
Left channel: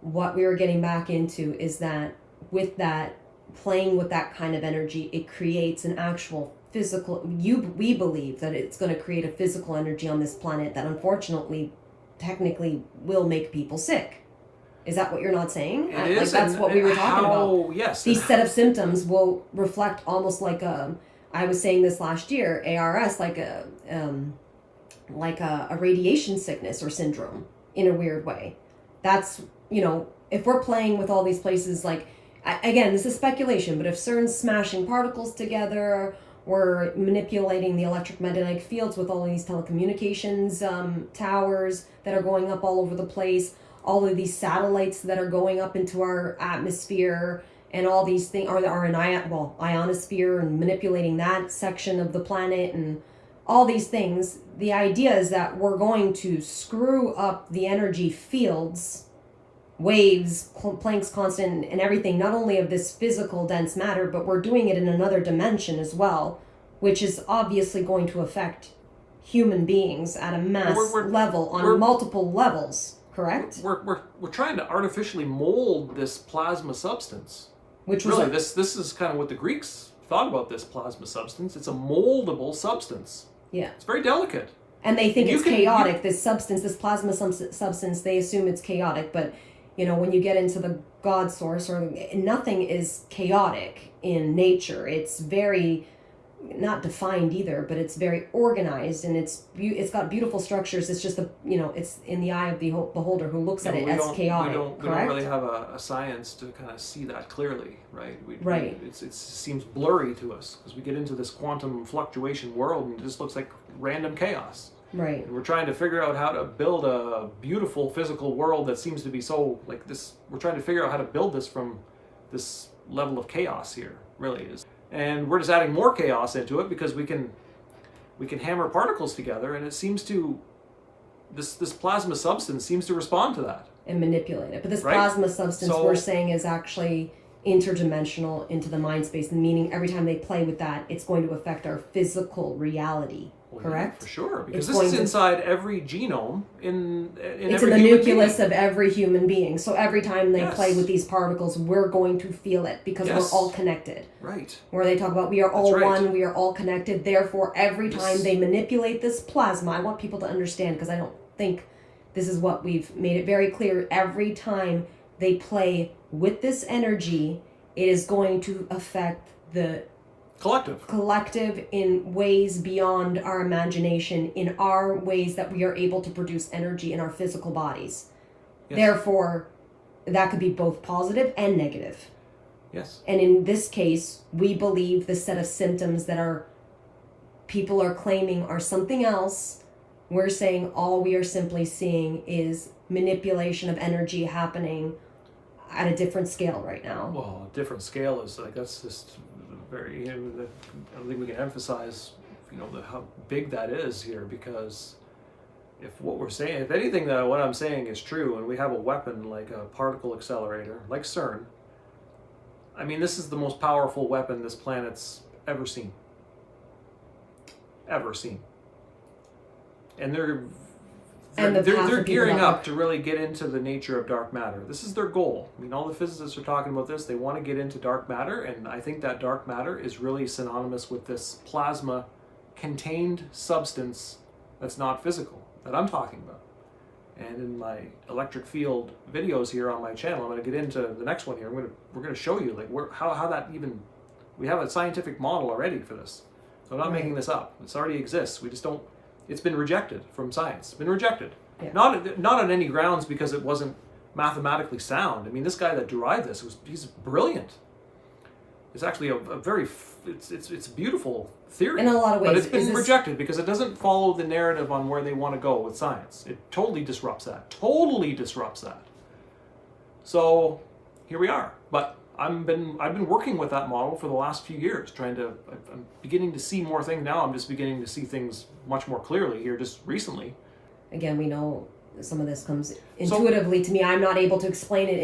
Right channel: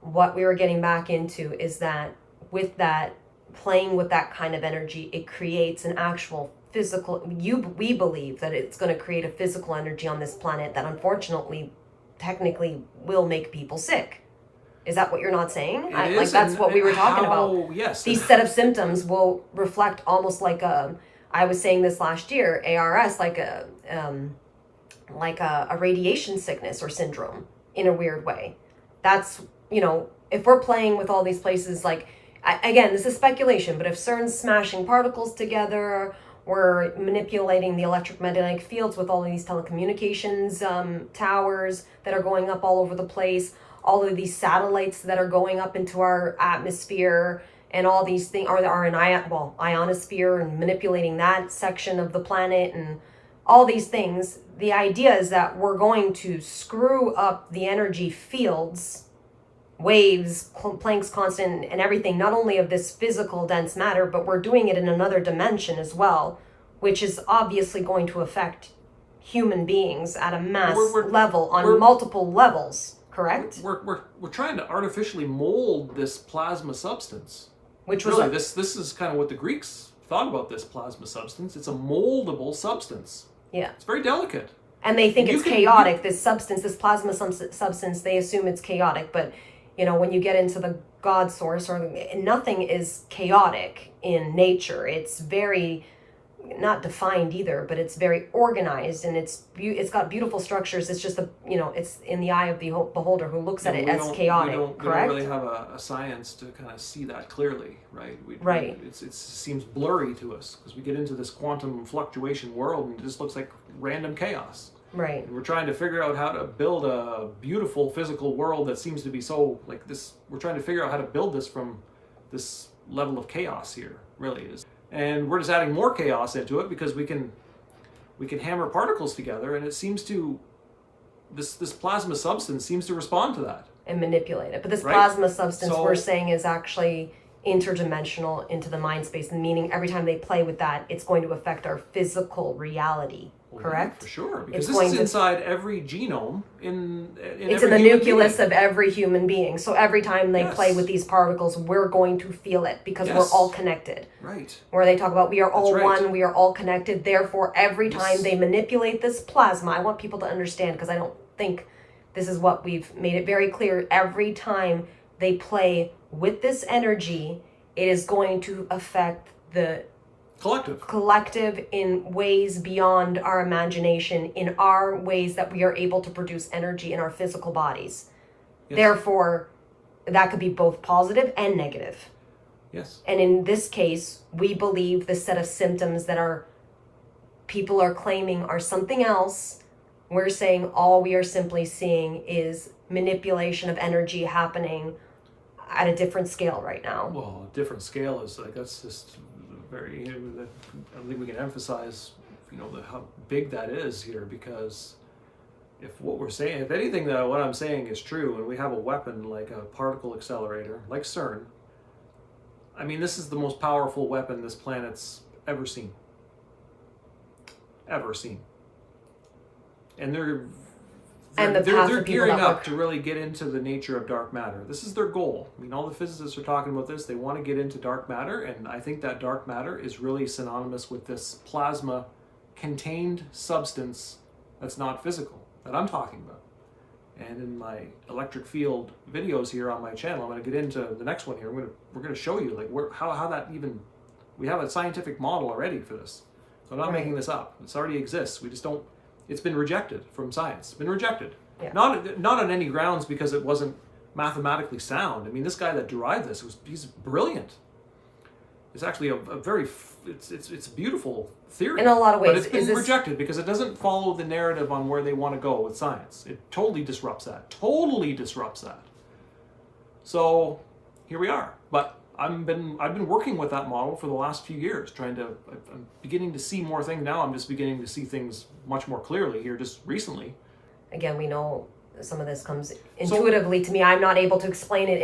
what we were getting back into is that with that, playing with that kind of energy, it creates an actual physical. We believe that it's going to create a physical energy on this planet that unfortunately, technically, will make people sick. Is that what you're not saying? That's what we were talking about. Yes. These set of symptoms will reflect almost like I was saying this last year, ARS, like a radiation sickness or syndrome in a weird way. That's, if we're playing with all these places, again, this is speculation, but if CERN's smashing particles together, we're manipulating the electromagnetic fields with all of these telecommunications towers that are going up all over the place, all of these satellites that are going up into our atmosphere, and all these things are in ionosphere, and manipulating that section of the planet, and all these things. The idea is that we're going to screw up the energy fields, waves, Planck's constant, and everything, not only of this physical dense matter, but we're doing it in another dimension as well, which is obviously going to affect human beings at a mass level on multiple levels. Correct? We're trying to artificially mold this plasma substance. Which was really this is kind of what the Greeks thought about this plasma substance. It's a moldable substance. Yeah. It's very delicate. And they think it's chaotic. This substance, this plasma substance, they assume it's chaotic. But when you get into the God source, nothing is chaotic in nature. It's very not defined either, but it's very organized, and it's got beautiful structures. It's just it's in the eye of the beholder who looks at it as chaotic. We don't really have a science to kind of see that clearly, right? It seems blurry to us because we get into this quantum fluctuation world and it just looks like random chaos. Right. And we're trying to figure out how to build a beautiful physical world that seems to be so like this. We're trying to figure out how to build this from this level of chaos here, really is. And we're just adding more chaos into it because we can hammer particles together, and it seems to this plasma substance seems to respond to that. and manipulate it. But this Right. plasma substance So- we're saying is actually interdimensional into the mind space, meaning every time they play with that, it's going to affect our physical reality. Well, yeah, Correct? for sure, because It's this is going to- inside every genome in It's every in the human nucleus being. of every human being. So every time they Yes. play with these particles, we're going to feel it because Yes. we're all connected. Right. Where they talk about we are all That's right. one, we are all connected. Therefore, every time Yes. they manipulate this plasma, I want people to understand because I don't think this is what we've made it very clear. Every time they play with this energy, it is going to affect the collective in ways beyond our imagination, in our ways that we are able to produce energy in our physical bodies. Yes. Therefore, that could be both positive and negative. Yes. And in this case, we believe the set of symptoms that our people are claiming are something else. We're saying all we are simply seeing is manipulation of energy happening at a different scale right now. Well, a different scale is like, that's just very, I don't think we can emphasize, how big that is here, because if what we're saying, if anything that what I'm saying is true, and we have a weapon like a particle accelerator, like CERN, I mean, this is the most powerful weapon this planet's ever seen. Ever seen. And they're gearing up to really get into the nature of dark matter. This is their goal. I mean, all the physicists are talking about this. They want to get into dark matter, and I think that dark matter is really synonymous with this plasma contained substance that's not physical, that I'm talking about. And in my electric field videos here on my channel, I'm going to get into the next one here. We're going to show you like how that even, we have a scientific model already for this. So I'm not making this up. It already exists. We just don't. It's been rejected from science. It's been rejected. Yeah. Not on any grounds because it wasn't mathematically sound. I mean, this guy that derived this he's brilliant. It's actually it's a beautiful theory. In a lot of ways. But it's been rejected because it doesn't follow the narrative on where they want to go with science. It totally disrupts that. Totally disrupts that. So here we are. But I've been working with that model for the last few years, I'm beginning to see more things now. I'm just beginning to see things much more clearly here just recently. Again, we know some of this comes intuitively to me. I'm not able to explain it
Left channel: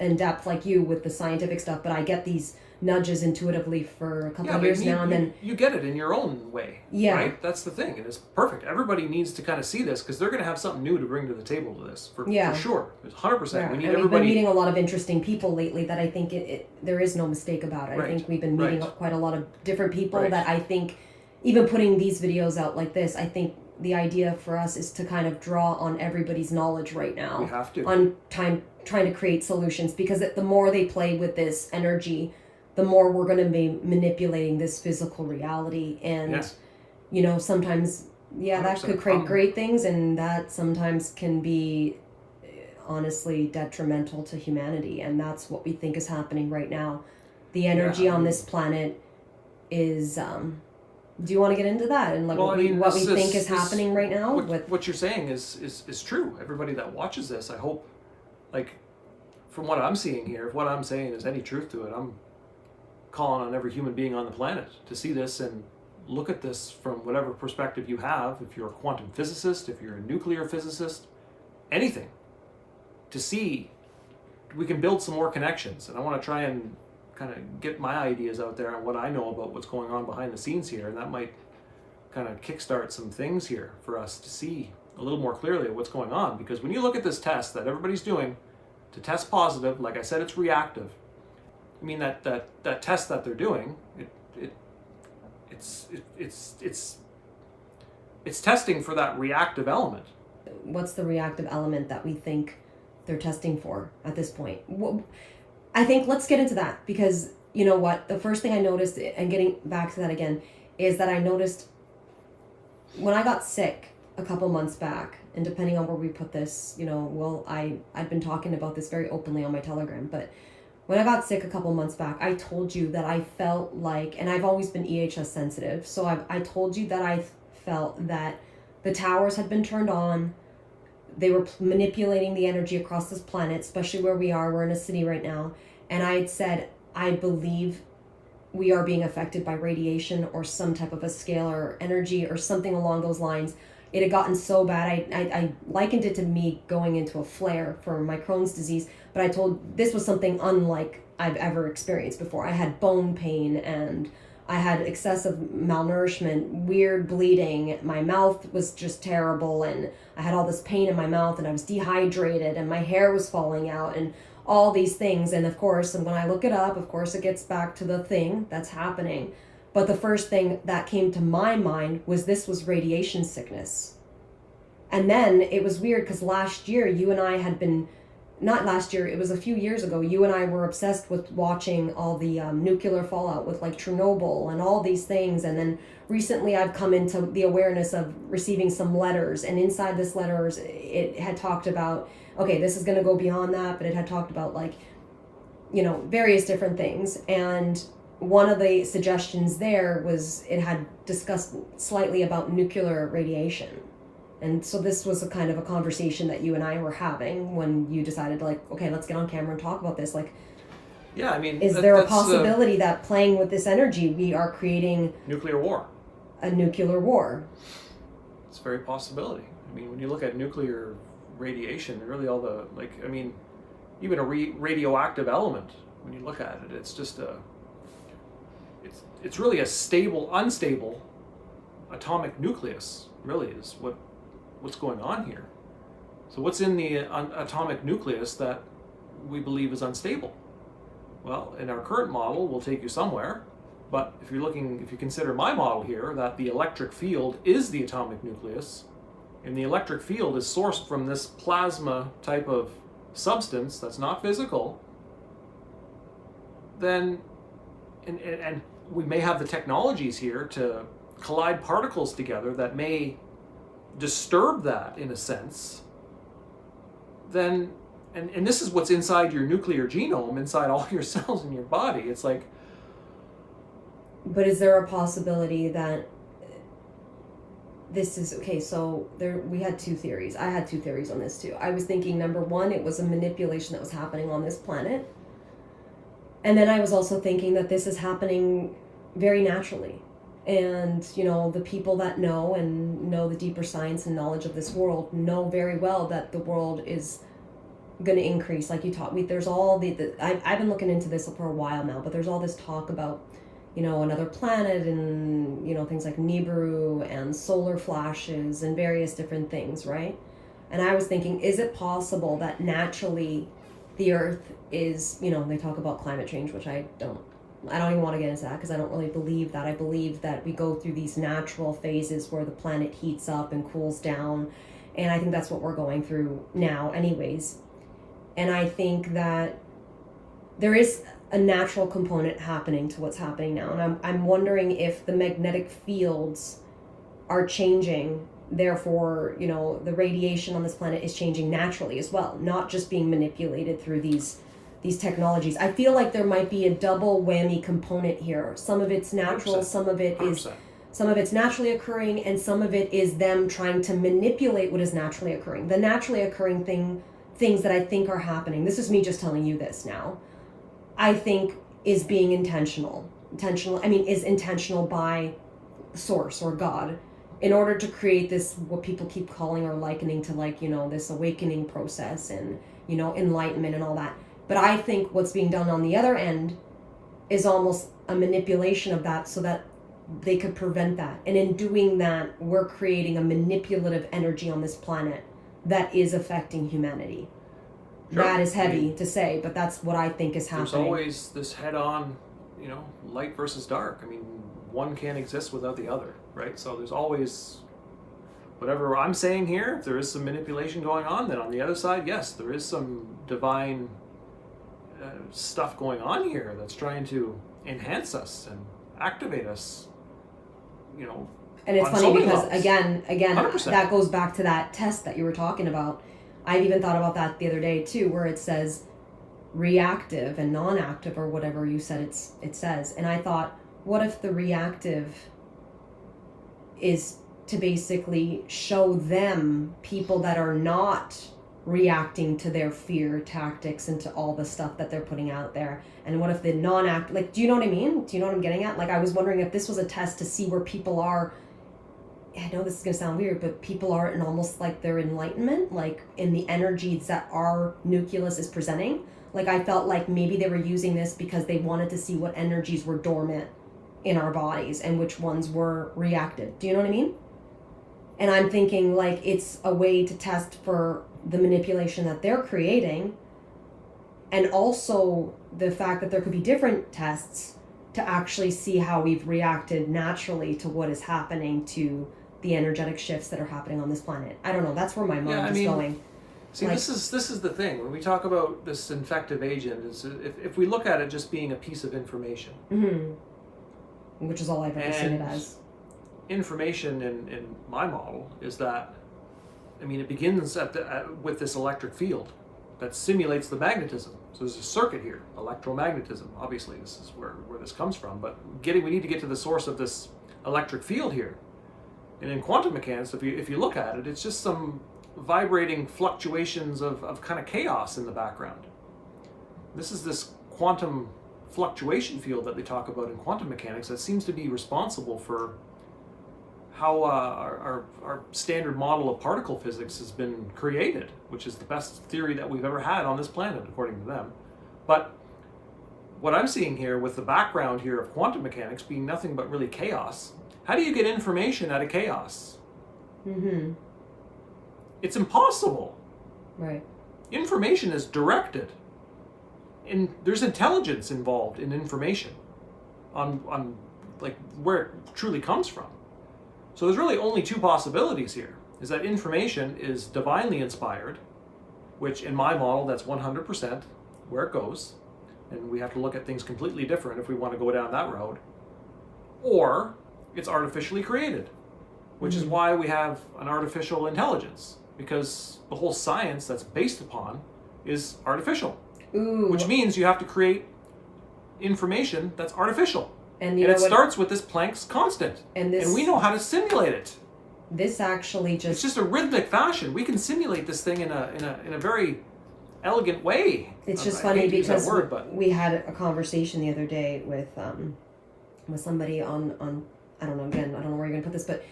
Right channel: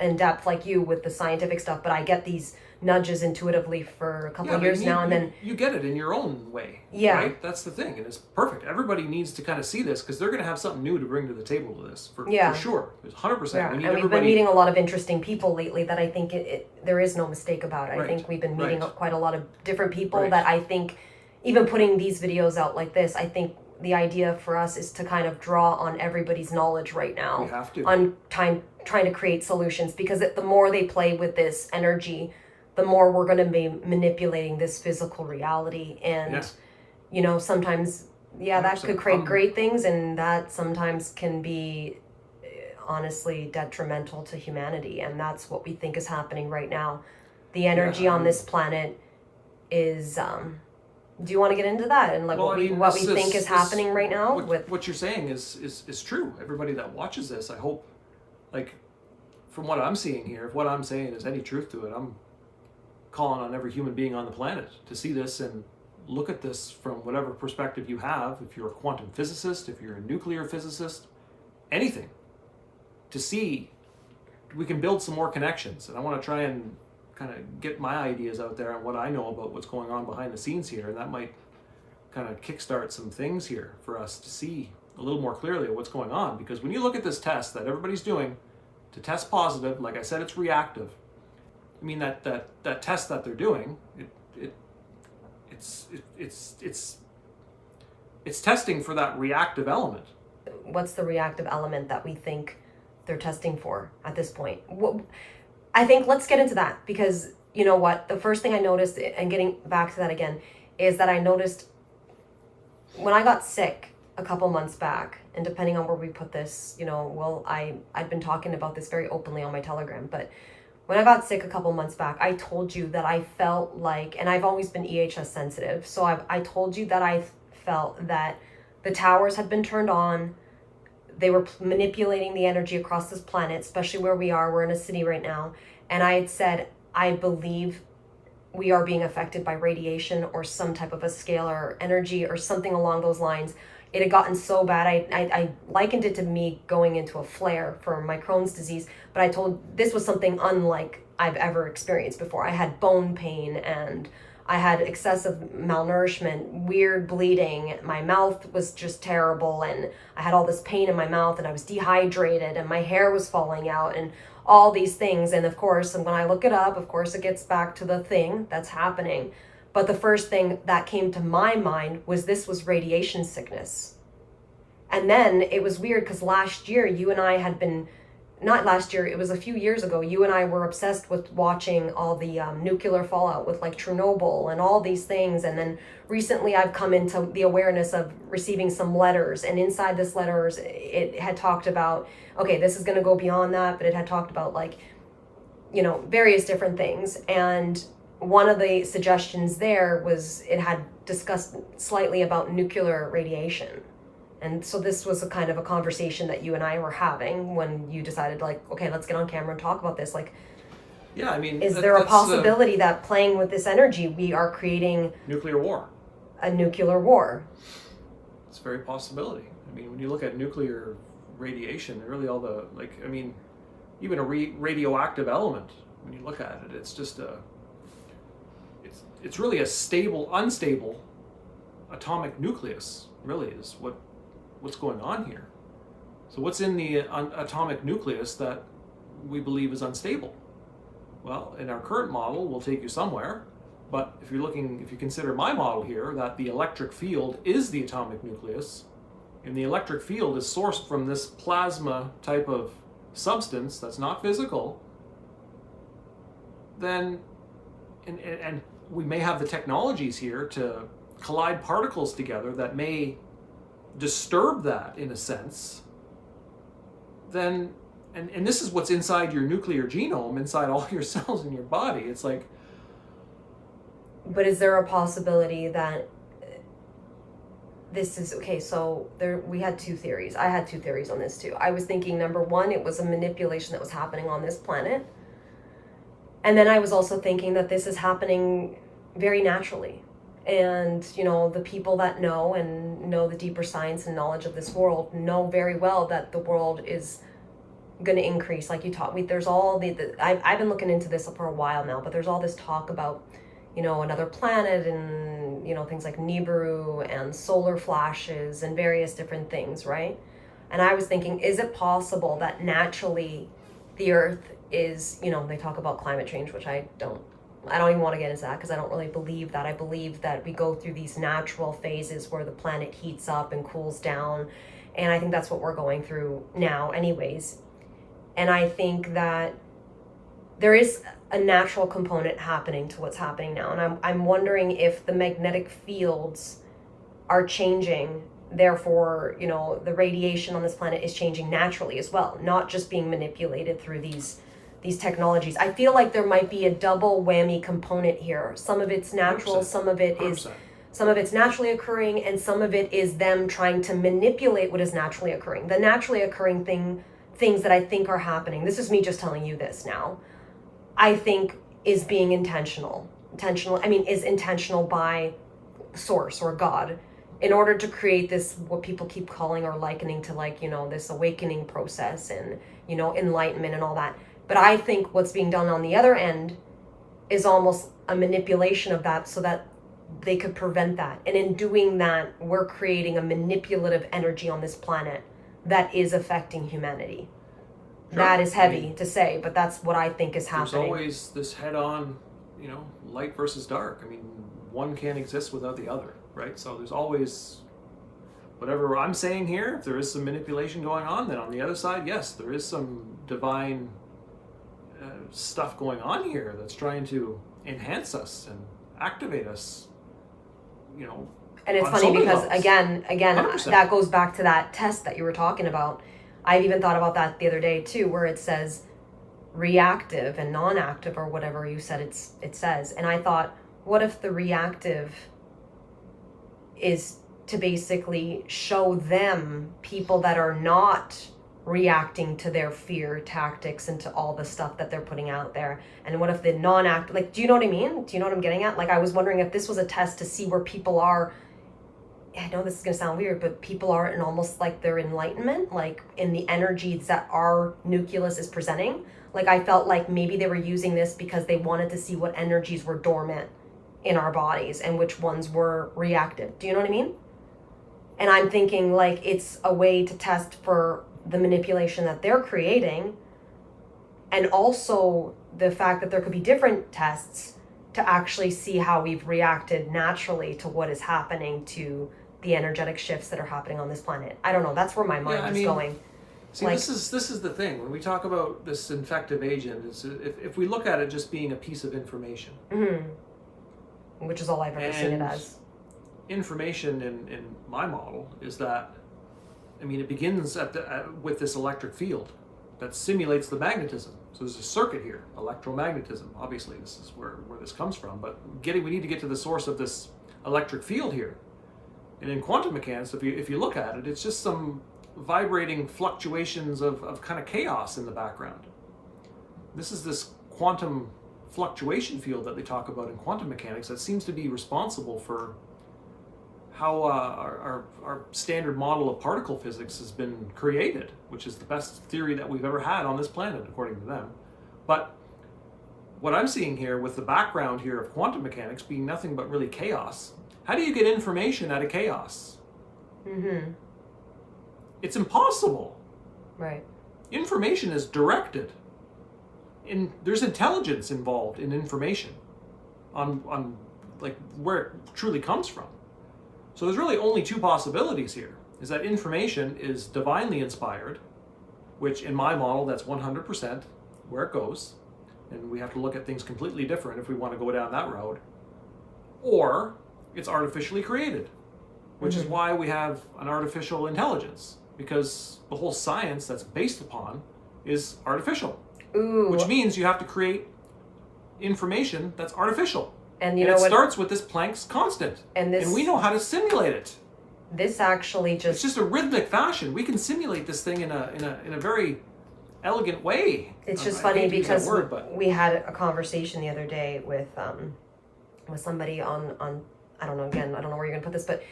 in depth like you with the scientific stuff, but I get these nudges intuitively for a couple of years now, and then you get it in your own way. Yeah. Right? That's the thing, and it's perfect. Everybody needs to kind of see this because they're going to have something new to bring to the table to this for sure. There's 100%. Yeah. We need We've everybody. been meeting a lot of interesting people lately that I think there is no mistake about it. Right. I think we've been meeting Right. quite a lot of different people Right. that I think, even putting these videos out like this, I think the idea for us is to kind of draw on everybody's knowledge right now. We have to. On trying to create solutions, because the more they play with this energy, the more we're going to be manipulating this physical reality. And, sometimes, that could create great things, and that sometimes can be honestly detrimental to humanity. And that's what we think is happening right now. The energy on this planet is... do you want to get into that and what we think is happening right now? What you're saying is true. Everybody that watches this, I hope, from what I'm seeing here, if what I'm saying is any truth to it, I'm calling on every human being on the planet to see this and look at this from whatever perspective you have. If you're a quantum physicist, if you're a nuclear physicist, anything, to see we can build some more connections. And I want to try and kind of get my ideas out there on what I know about what's going on behind the scenes here, and that might kind of kickstart some things here for us to see a little more clearly what's going on. Because when you look at this test that everybody's doing to test positive, like I said, it's reactive. I mean that test that they're doing, it's testing for that reactive element. What's the reactive element that we think they're testing for at this point? I think let's get into that, because you know what? The first thing I noticed, and getting back to that again, is that I noticed when I got sick a couple months back, and depending on where we put this, I've been talking about this very openly on my Telegram, but when I got sick a couple months back, I told you that I felt like, and I've always been EHS sensitive, so I told you that I felt that the towers had been turned on. They were manipulating the energy across this planet, especially where we are. We're in a city right now. And I had said, I believe we are being affected by radiation or some type of a scalar energy or something along those lines. it had gotten so bad. I likened it to me going into a flare for my Crohn's disease, but I told this was something unlike I've ever experienced before. I had bone pain and I had excessive malnourishment, weird bleeding. My mouth was just terrible, and I had all this pain in my mouth, and I was dehydrated, and my hair was falling out, and all these things. And of course, when I look it up, of course, it gets back to the thing that's happening. But the first thing that came to my mind was this was radiation sickness. And then it was weird because last year, you and I had been, not last year, it was a few years ago, you and I were obsessed with watching all the nuclear fallout with like Chernobyl and all these things. And then recently I've come into the awareness of receiving some letters, and inside this letters, it had talked about, okay, this is going to go beyond that, but it had talked about like, you know, various different things. And one of the suggestions there was it had discussed slightly about nuclear radiation. And so this was a kind of a conversation that you and I were having when you decided, like, okay, let's get on camera and talk about this. Like, yeah, I mean, is there a possibility that playing with this energy, we are creating nuclear war? A nuclear war? It's a very possibility. I mean, when you look at nuclear radiation, really all the, like, I mean, even a radioactive element, when you look at it, it's just it's really a stable, unstable atomic nucleus, really is what's going on here. So what's in the atomic nucleus that we believe is unstable? Well, in our current model, we'll take you somewhere. But if you consider my model here, that the electric field is the atomic nucleus, and the electric field is sourced from this plasma type of substance that's not physical, then, and we may have the technologies here to collide particles together that may disturb that in a sense, then, and this is what's inside your nuclear genome, inside all your cells in your body. It's like, but is there a possibility that this is, okay, so we had two theories. I had two theories on this too. I was thinking, number one, it was a manipulation that was happening on this planet. And then I was also thinking that this is happening very naturally. And, you know, the people that know and know the deeper science and knowledge of this world know very well that the world is going to increase. Like you taught me, there's all I've been looking into this for a while now, but there's all this talk about, you know, another planet and, you know, things like Nibiru and solar flashes and various different things, right? And I was thinking, is it possible that naturally the Earth is, you know, they talk about climate change, which I don't even want to get into that because I don't really believe that. I believe that we go through these natural phases where the planet heats up and cools down. And I think that's what we're going through now anyways. And I think that there is a natural component happening to what's happening now. And I'm wondering if the magnetic fields are changing. Therefore, you know, the radiation on this planet is changing naturally as well, not just being manipulated through these technologies. I feel like there might be a double whammy component here. Some of it's natural, 100%. some of it 100%. is, some of it's naturally occurring, and some of it is them trying to manipulate what is naturally occurring. The naturally occurring things that I think are happening, this is me just telling you this now, I think is being intentional, is intentional by source or God in order to create this, what people keep calling or likening to, like, you know, this awakening process and, you know, enlightenment and all that. But I think what's being done on the other end is almost a manipulation of that so that they could prevent that. And in doing that, we're creating a manipulative energy on this planet that is affecting humanity. Sure. That is heavy to say, but that's what I think is happening. There's always this head-on, you know, light versus dark. I mean, one can't exist without the other, right? So there's always, whatever I'm saying here, if there is some manipulation going on, then on the other side, yes, there is some divine stuff going on here that's trying to enhance us and activate us, you know. And it's funny because again 100%. That goes back to that test that you were talking about. I've even thought about that the other day too, where it says reactive and non-active or whatever you said it says. And I thought, what if the reactive is to basically show them people that are not reacting to their fear tactics and to all the stuff that they're putting out there? And what if the non-active, like, do you know what I mean? Do you know what I'm getting at? Like, I was wondering if this was a test to see where people are I know this is gonna sound weird, but people are in almost like their enlightenment, like in the energies that our nucleus is presenting. Like I felt like maybe they were using this because they wanted to see what energies were dormant in our bodies and which ones were reactive. Do you know what I mean? And I'm thinking like it's a way to test for the manipulation that they're creating, and also the fact that there could be different tests to actually see how we've reacted naturally to what is happening to the energetic shifts that are happening on this planet. I don't know. That's where my mind is going. See, this is the thing. When we talk about this infective agent, if we look at it just being a piece of information, which is all I've ever seen it as. Information in my model is that, I mean, it begins with this electric field that simulates the magnetism. So there's a circuit here, electromagnetism. Obviously, this is where this comes from. But we need to get to the source of this electric field here. And in quantum mechanics, if you look at it, it's just some vibrating fluctuations of kind of chaos in the background. This is this quantum fluctuation field that they talk about in quantum mechanics that seems to be responsible for how our standard model of particle physics has been created, which is the best theory that we've ever had on this planet, according to them. But what I'm seeing here with the background here of quantum mechanics being nothing but really chaos, how do you get information out of chaos? It's impossible. Right. Information is directed. And there's intelligence involved in information on like where it truly comes from. So there's really only two possibilities here, is that information is divinely inspired, which in my model, that's 100% where it goes. And we have to look at things completely different if we want to go down that road. Or it's artificially created, which is why we have an artificial intelligence, because the whole science that's based upon is artificial. Which means you have to create information that's artificial. And it starts with this Planck's constant. And we know how to simulate it. This actually it's just a rhythmic fashion. We can simulate this thing in a very elegant way. It's just funny because we had a conversation the other day with somebody on I don't know, again, I don't know where you're gonna put this, but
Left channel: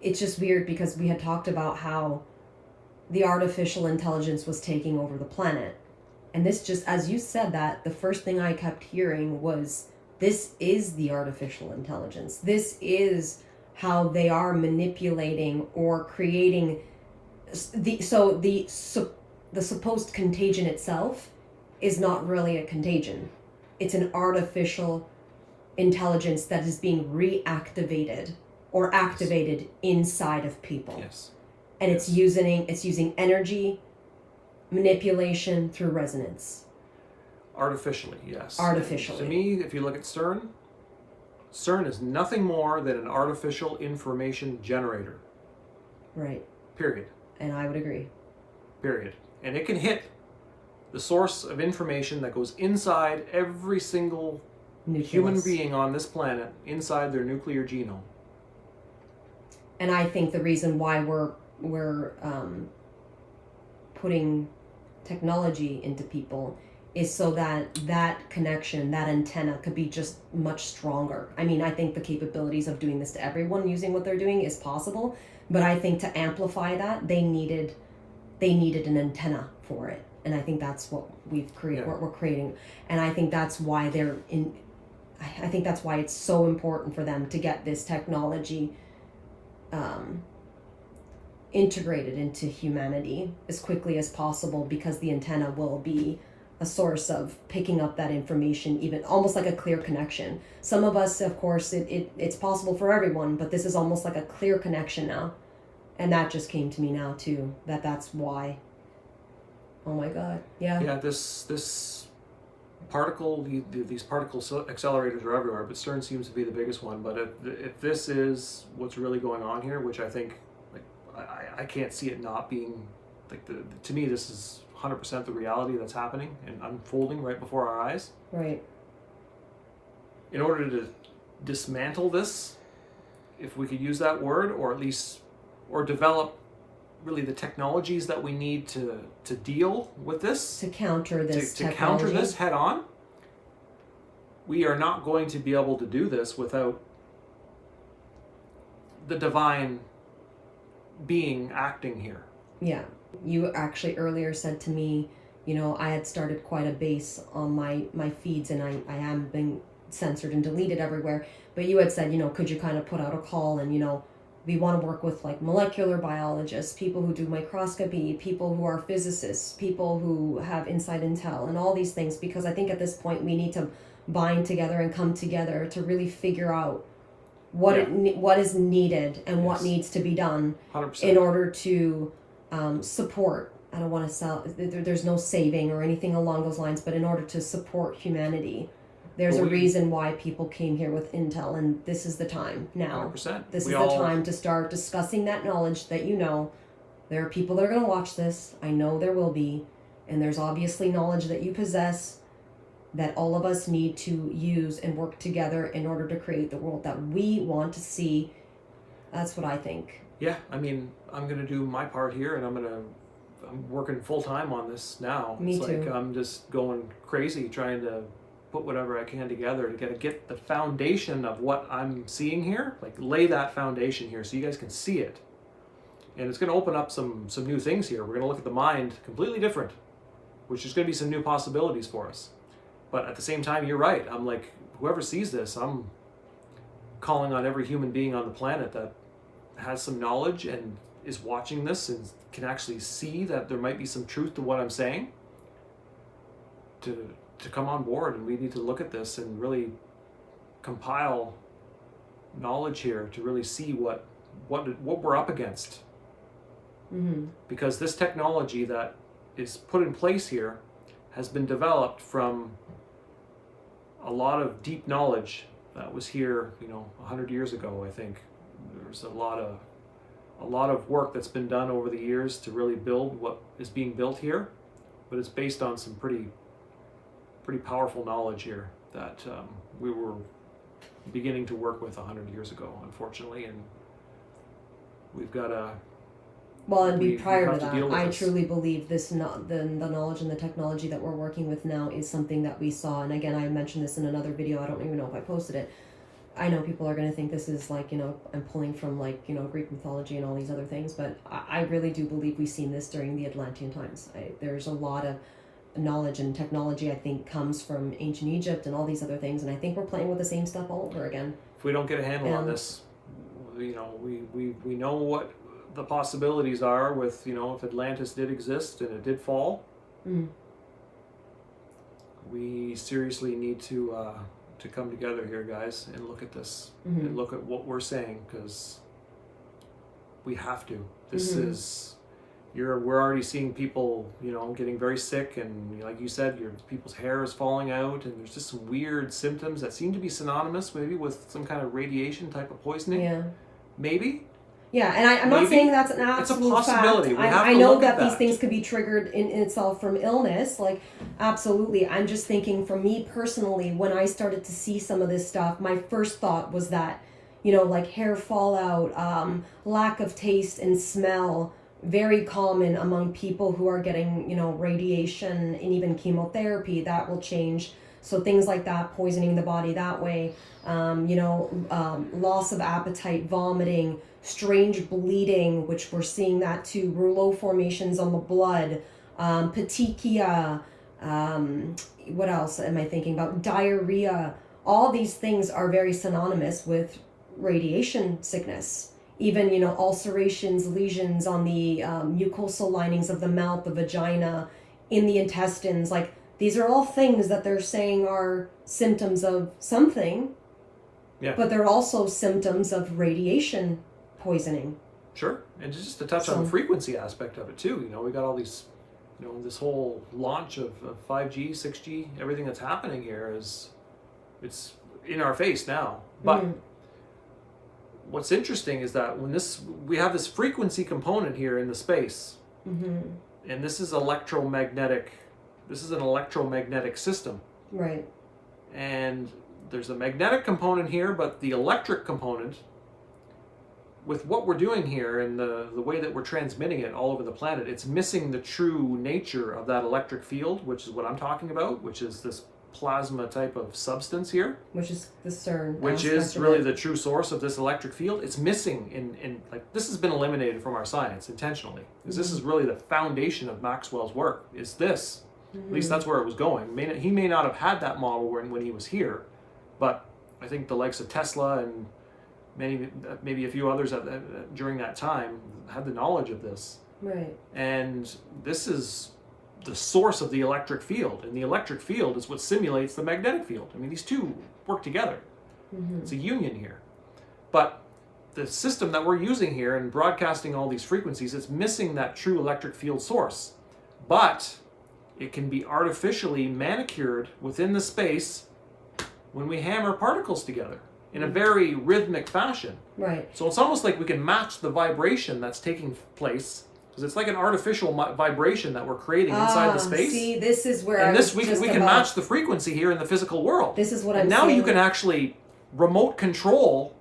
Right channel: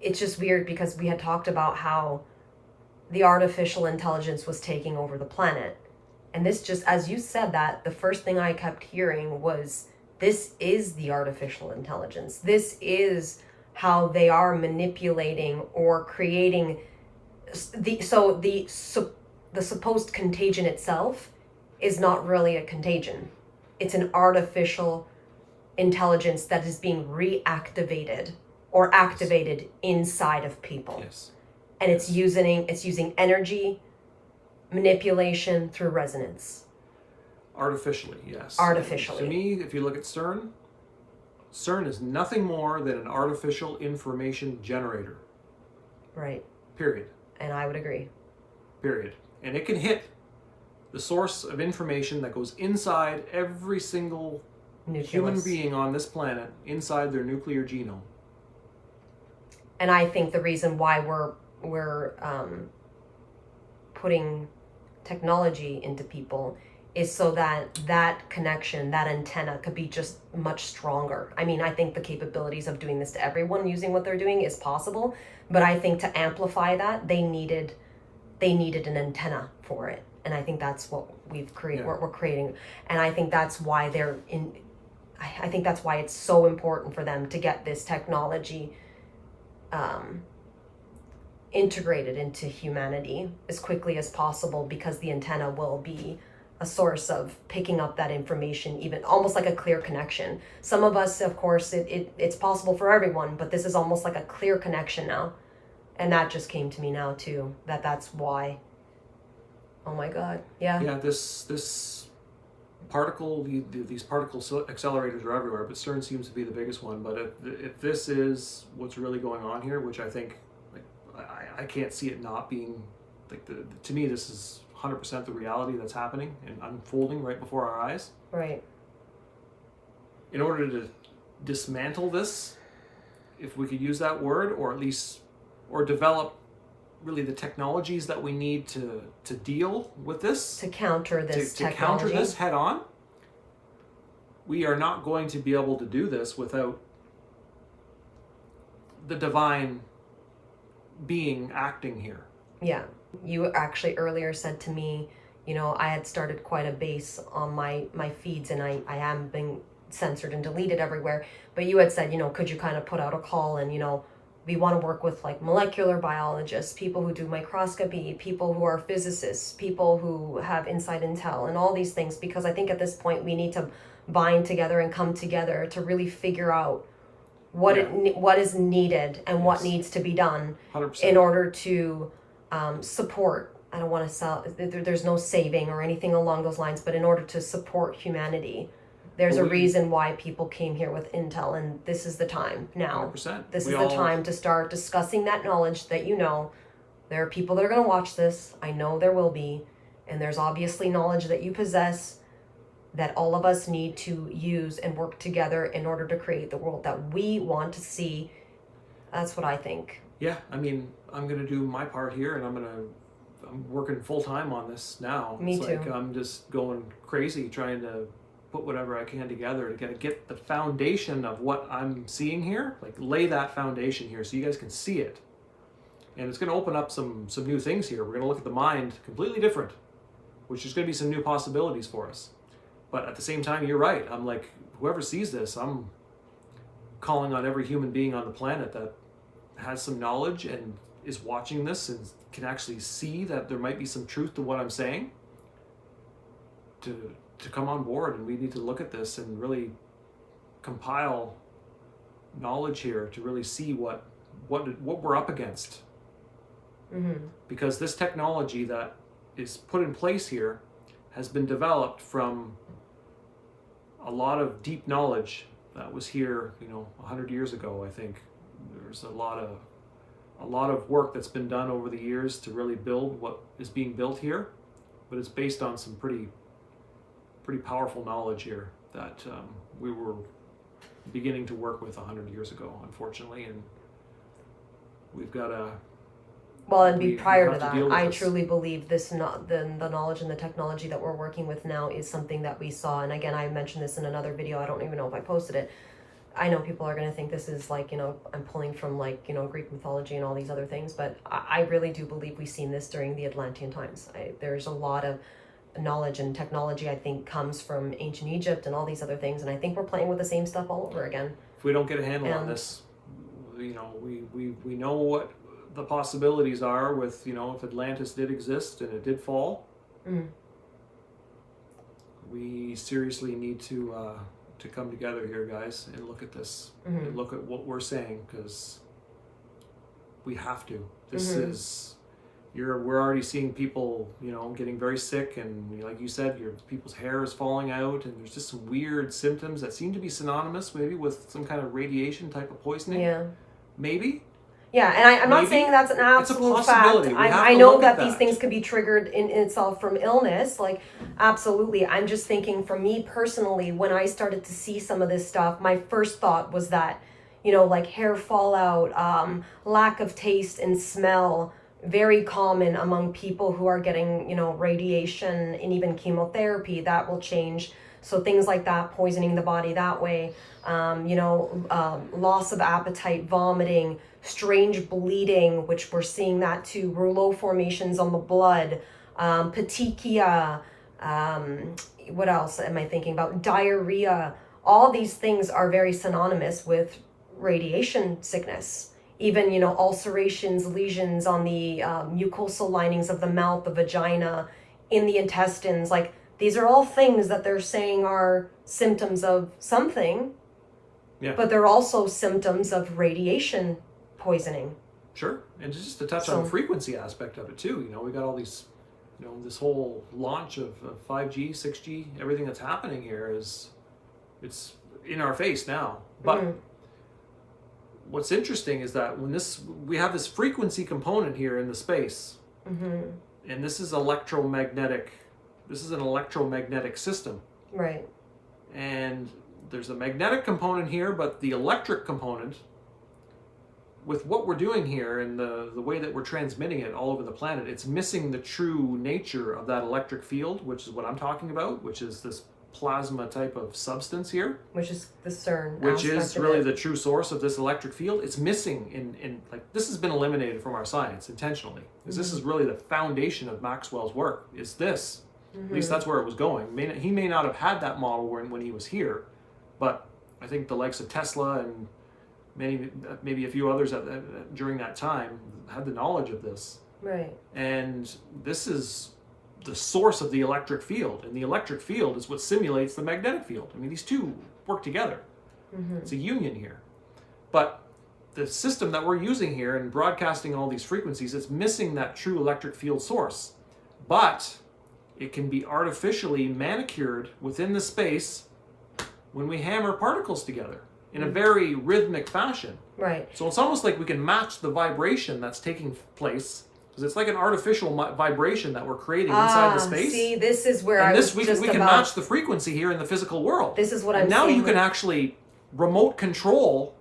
it's just weird because we had talked about how the artificial intelligence was taking over the planet. And this just, as you said that, the first thing I kept hearing was, this is the artificial intelligence. This is how they are manipulating or creating the supposed contagion itself is not really a contagion. It's an artificial intelligence that is being reactivated or activated inside of people. Yes. And it's using energy manipulation through resonance. Artificially, yes. Artificially. And to me, if you look at CERN is nothing more than an artificial information generator. Right. Period. And I would agree. Period. And it can hit the source of information that goes inside every single human being on this planet, inside their nuclear genome. And I think the reason why we're putting technology into people is so that connection, that antenna could be just much stronger. I mean, I think the capabilities of doing this to everyone using what they're doing is possible, but I think to amplify that, they needed an antenna for it. And I think that's what we've created, what we're creating. And I think that's why I think that's why it's so important for them to get this technology integrated into humanity as quickly as possible, because the antenna will be a source of picking up that information, even almost like a clear connection. Some of us, of course, it's possible for everyone, but this is almost like a clear connection now. And that just came to me now too, that's why. Oh my God. Yeah. Yeah, this particle, these particle accelerators are everywhere, but CERN seems to be the biggest one. But if this is what's really going on here, which I think, like, I can't see it not being, like, to me, this is 100% the reality that's happening and unfolding right before our eyes. Right. In order to dismantle this, if we could use that word, or at least, or develop really the technologies that we need to deal with this, to counter this to counter this head on, we are not going to be able to do this without the divine being acting here. Yeah. You actually earlier said to me, you know, I had started quite a base on my feeds, and I am being censored and deleted everywhere. But you had said, you know, could you kind of put out a call, and, you know, we want to work with like molecular biologists, people who do microscopy, people who are physicists, people who have inside intel and all these things, because I think at this point we need to bind together and come together to really figure out what what is needed and what needs to be done 100%. in order to support. I don't want to sell. There's no saving or anything along those lines, but in order to support humanity, there's a reason why people came here with intel, and this is the time now. 100%. This is the time to start discussing that knowledge that, you know, there are people that are going to watch this. I know there will be, and there's obviously knowledge that you possess that all of us need to use and work together in order to create the world that we want to see. That's what I think. Yeah, I mean, I'm going to do my part here, and I'm working full time on this now. Me it's too. like I'm just going crazy trying to put whatever I can together to get the foundation of what I'm seeing here, like lay that foundation here so you guys can see it. And it's going to open up some new things here. We're going to look at the mind completely different, which is going to be some new possibilities for us. But at the same time, you're right. I'm like, whoever sees this, I'm calling on every human being on the planet that has some knowledge and is watching this and can actually see that there might be some truth to what I'm saying, to come on board. And we need to look at this and really compile knowledge here to really see what we're up against. Mm-hmm. Because this technology that is put in place here has been developed from a lot of deep knowledge that was here, 100 years ago. I think there's a lot of work that's been done over the years to really build what is being built here, but it's based on some pretty powerful knowledge here that we were beginning to work with 100 years ago, unfortunately, and we've got to. Well, and prior to that, I truly believe the knowledge and the technology that we're working with now is something that we saw. And again, I mentioned this in another video. I don't even know if I posted it. I know people are going to think this is like, I'm pulling from like, Greek mythology and all these other things. But I really do believe we've seen this during the Atlantean times. There's a lot of knowledge and technology, I think, comes from ancient Egypt and all these other things. And I think we're playing with the same stuff all over again. If we don't get a handle on this, we know what the possibilities are with, if Atlantis did exist and it did fall. Mm. We seriously need to come together here, guys, and look at this, mm-hmm. and look at what we're saying, because we have to. This mm-hmm. is, we're already seeing people, getting very sick, and like you said, people's hair is falling out, and there's just some weird symptoms that seem to be synonymous maybe with some kind of radiation type of poisoning. Yeah. Maybe. Yeah, and I'm not saying that's an absolute it's a possibility. fact. I know that these things could be triggered in itself from illness, like, absolutely. I'm just thinking, for me personally, when I started to see some of this stuff, my first thought was that, like hair fallout, lack of taste and smell, very common among people who are getting, radiation and even chemotherapy. That will change. So things like that, poisoning the body that way, loss of appetite, vomiting, strange bleeding, which we're seeing that too, rouleau formations on the blood, petechia, what else am I thinking about? Diarrhea. All these things are very synonymous with radiation sickness. Even, ulcerations, lesions on the mucosal linings of the mouth, the vagina, in the intestines, like, these are all things that they're saying are symptoms of something, but they're also symptoms of radiation poisoning. Sure, and just to touch on the frequency aspect of it too, we got all these, this whole launch of 5G, 6G, everything that's happening here it's in our face now. But what's interesting is that when we have this frequency component here in the space, and this is electromagnetic. This is an electromagnetic system. Right. And there's a magnetic component here, but the electric component, with what we're doing here and the way that we're transmitting it all over the planet, it's missing the true nature of that electric field, which is what I'm talking about, which is this plasma type of substance here, which is the CERN, which aspect is of really it. the true source of this electric field. It's missing in like, this has been eliminated from our science intentionally, because this is really the foundation of Maxwell's work, is this. At least that's where it was going. He may not have had that model when he was here, but I think the likes of Tesla and maybe a few others during that time had the knowledge of this. Right. And this is the source of the electric field, and the electric field is what simulates the magnetic field. I mean, these two work together. It's a union here. But the system that we're using here and broadcasting all these frequencies, it's missing that true electric field source. But it can be artificially manicured within the space when we hammer particles together in a very rhythmic fashion. Right. So it's almost like we can match the vibration that's taking place, because it's like an artificial vibration that we're creating inside the space. See, this is where And we just can about- match the frequency here in the physical world. This is what and I'm now saying. you can actually remote control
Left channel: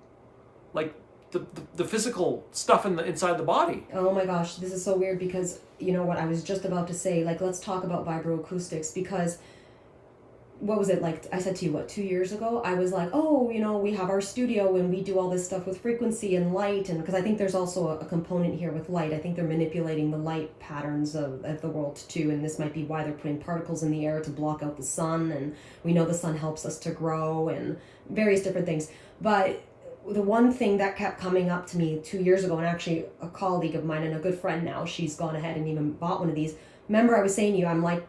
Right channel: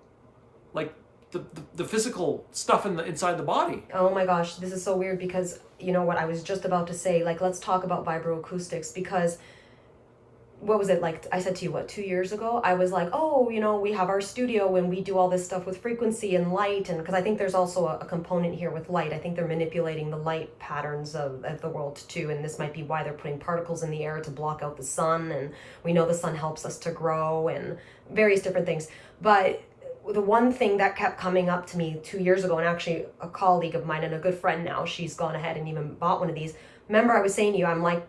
like the physical stuff inside the body. Oh my gosh, this is so weird, because you know what I was just about to say, like, let's talk about vibroacoustics, because what was it, like I said to you, 2 years ago, I was like, oh, you know, we have our studio and we do all this stuff with frequency and light, and because I think there's also a component here with light. I think they're manipulating the light patterns of the world too, and this might be why they're putting particles in the air to block out the sun, and we know the sun helps us to grow and various different things. But the one thing that kept coming up to me 2 years ago, and actually a colleague of mine and a good friend now, she's gone ahead and even bought one of these. Remember I was saying to you, I'm like,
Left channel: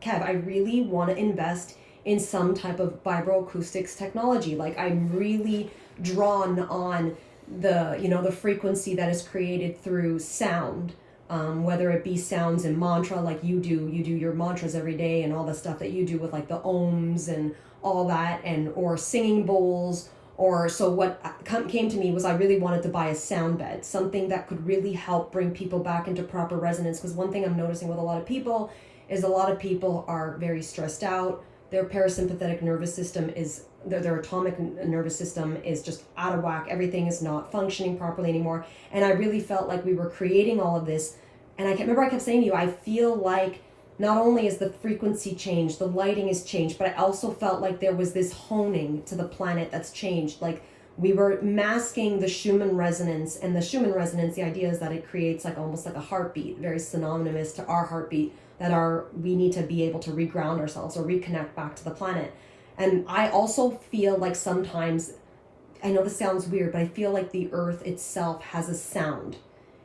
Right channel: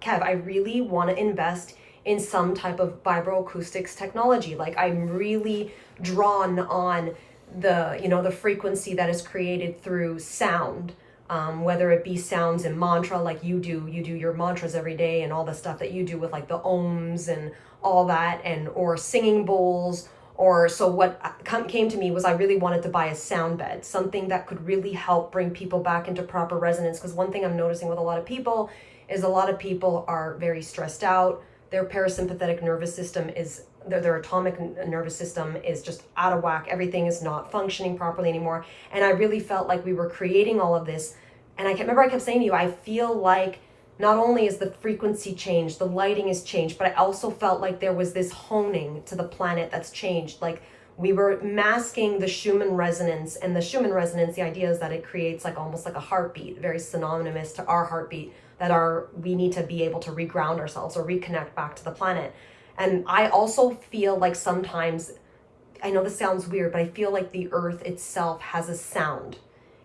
Kev, I really want to invest in some type of vibroacoustics technology. Like, I'm really drawn on the frequency that is created through sound, whether it be sounds in mantra, like you do your mantras every day and all the stuff that you do with like the ohms and all that, or singing bowls. Or so what came to me was I really wanted to buy a sound bed, something that could really help bring people back into proper resonance. Because one thing I'm noticing with a lot of people is a lot of people are very stressed out. Their parasympathetic nervous system is, their atomic nervous system is just out of whack. Everything is not functioning properly anymore. And I really felt like we were creating all of this. And I kept saying to you, I feel like not only is the frequency changed, the lighting is changed, but I also felt like there was this honing to the planet that's changed. Like, we were masking the Schumann resonance, and the Schumann resonance, the idea is that it creates like almost like a heartbeat, very synonymous to our heartbeat, that we need to be able to reground ourselves or reconnect back to the planet. And I also feel like sometimes, I know this sounds weird, but I feel like the earth itself has a sound.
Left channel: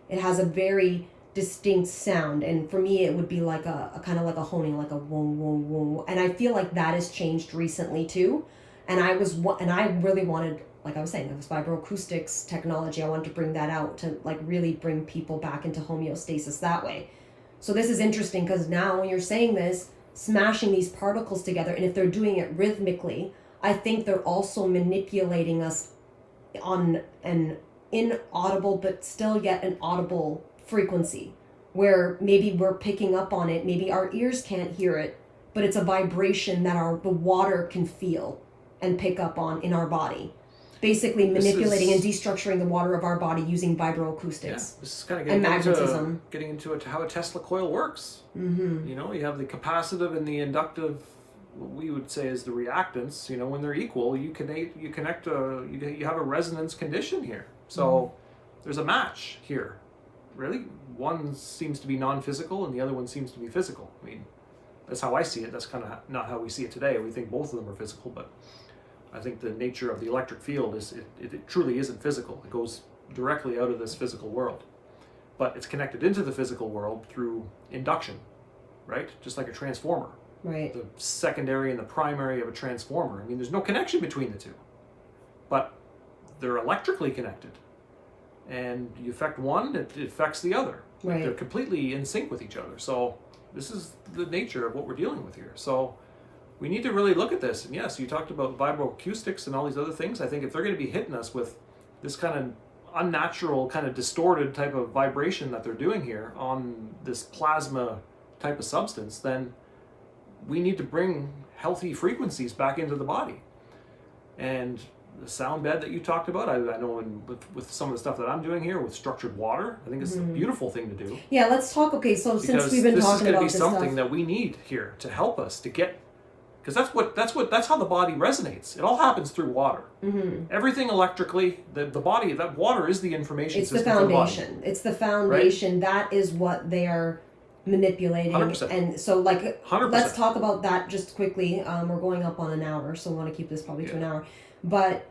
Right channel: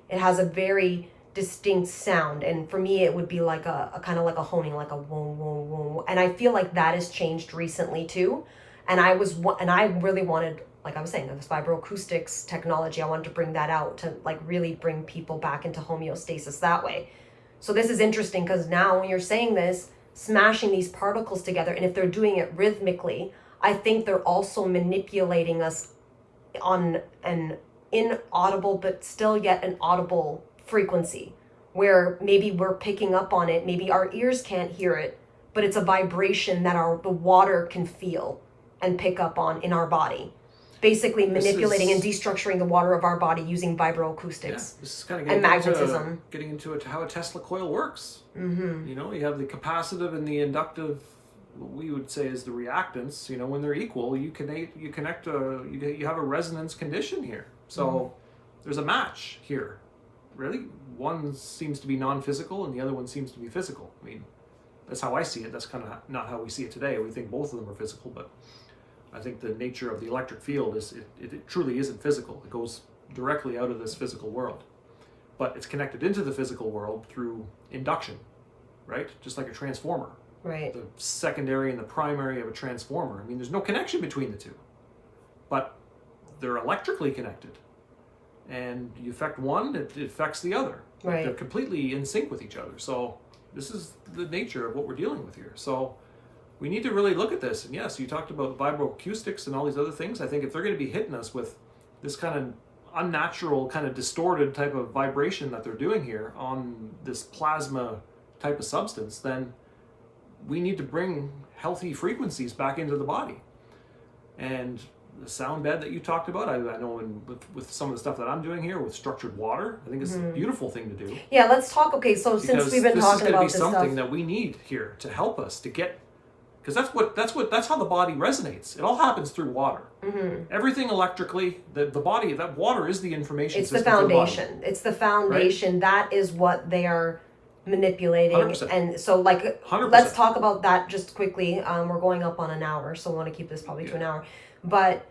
It has a very distinct sound, and for me it would be like a kind of like a honing, like a whoa whoa whoa, and I feel like that has changed recently too. And I really wanted, like I was saying, this vibroacoustics technology, I wanted to bring that out to like really bring people back into homeostasis that way. So this is interesting, because now when you're saying this, smashing these particles together, and if they're doing it rhythmically, I think they're also manipulating us on an inaudible but still yet an audible frequency, where maybe we're picking up on it, maybe our ears can't hear it, but it's a vibration that the water can feel and pick up on in our body, basically manipulating and destructuring the water of our body using vibroacoustics. Yeah, this is kind of getting into how a Tesla coil works. You know, you have the capacitive and the inductive, what we would say is the reactance. You know, when they're equal, you have a resonance condition here. So there's a match here. Really, one seems to be non-physical and the other one seems to be physical. I mean, that's how I see it. That's kind of not how we see it today. We think both of them are physical, but I think the nature of the electric field is it truly isn't physical. It goes directly out of this physical world, but it's connected into the physical world through induction, right? Just like a transformer. Right. The secondary and the primary of a transformer. I mean, there's no connection between the two, but they're electrically connected. And you affect one, it affects the other. Right. They're completely in sync with each other. So this is the nature of what we're dealing with here. So we need to really look at this. And yes, you talked about vibroacoustics and all these other things. I think if they're going to be hitting us with this kind of unnatural, kind of distorted type of vibration that they're doing here on this plasma type of substance, then we need to bring healthy frequencies back into the body. And the sound bed that you talked about, I know with some of the stuff that I'm doing here with structured water, I think it's a beautiful thing to do. Yeah, let's talk. Okay, so since we've been talking about this is going to be something stuff, that we need here to help us to get, because that's how the body resonates. It all happens through water. Everything electrically, the body, that water is the information It's the system for the body. foundation. It's the foundation. That is what they are manipulating. 100%. And so, like, 100%. let's talk about that just quickly. We're going up on an hour, so I want to keep this probably to an hour. But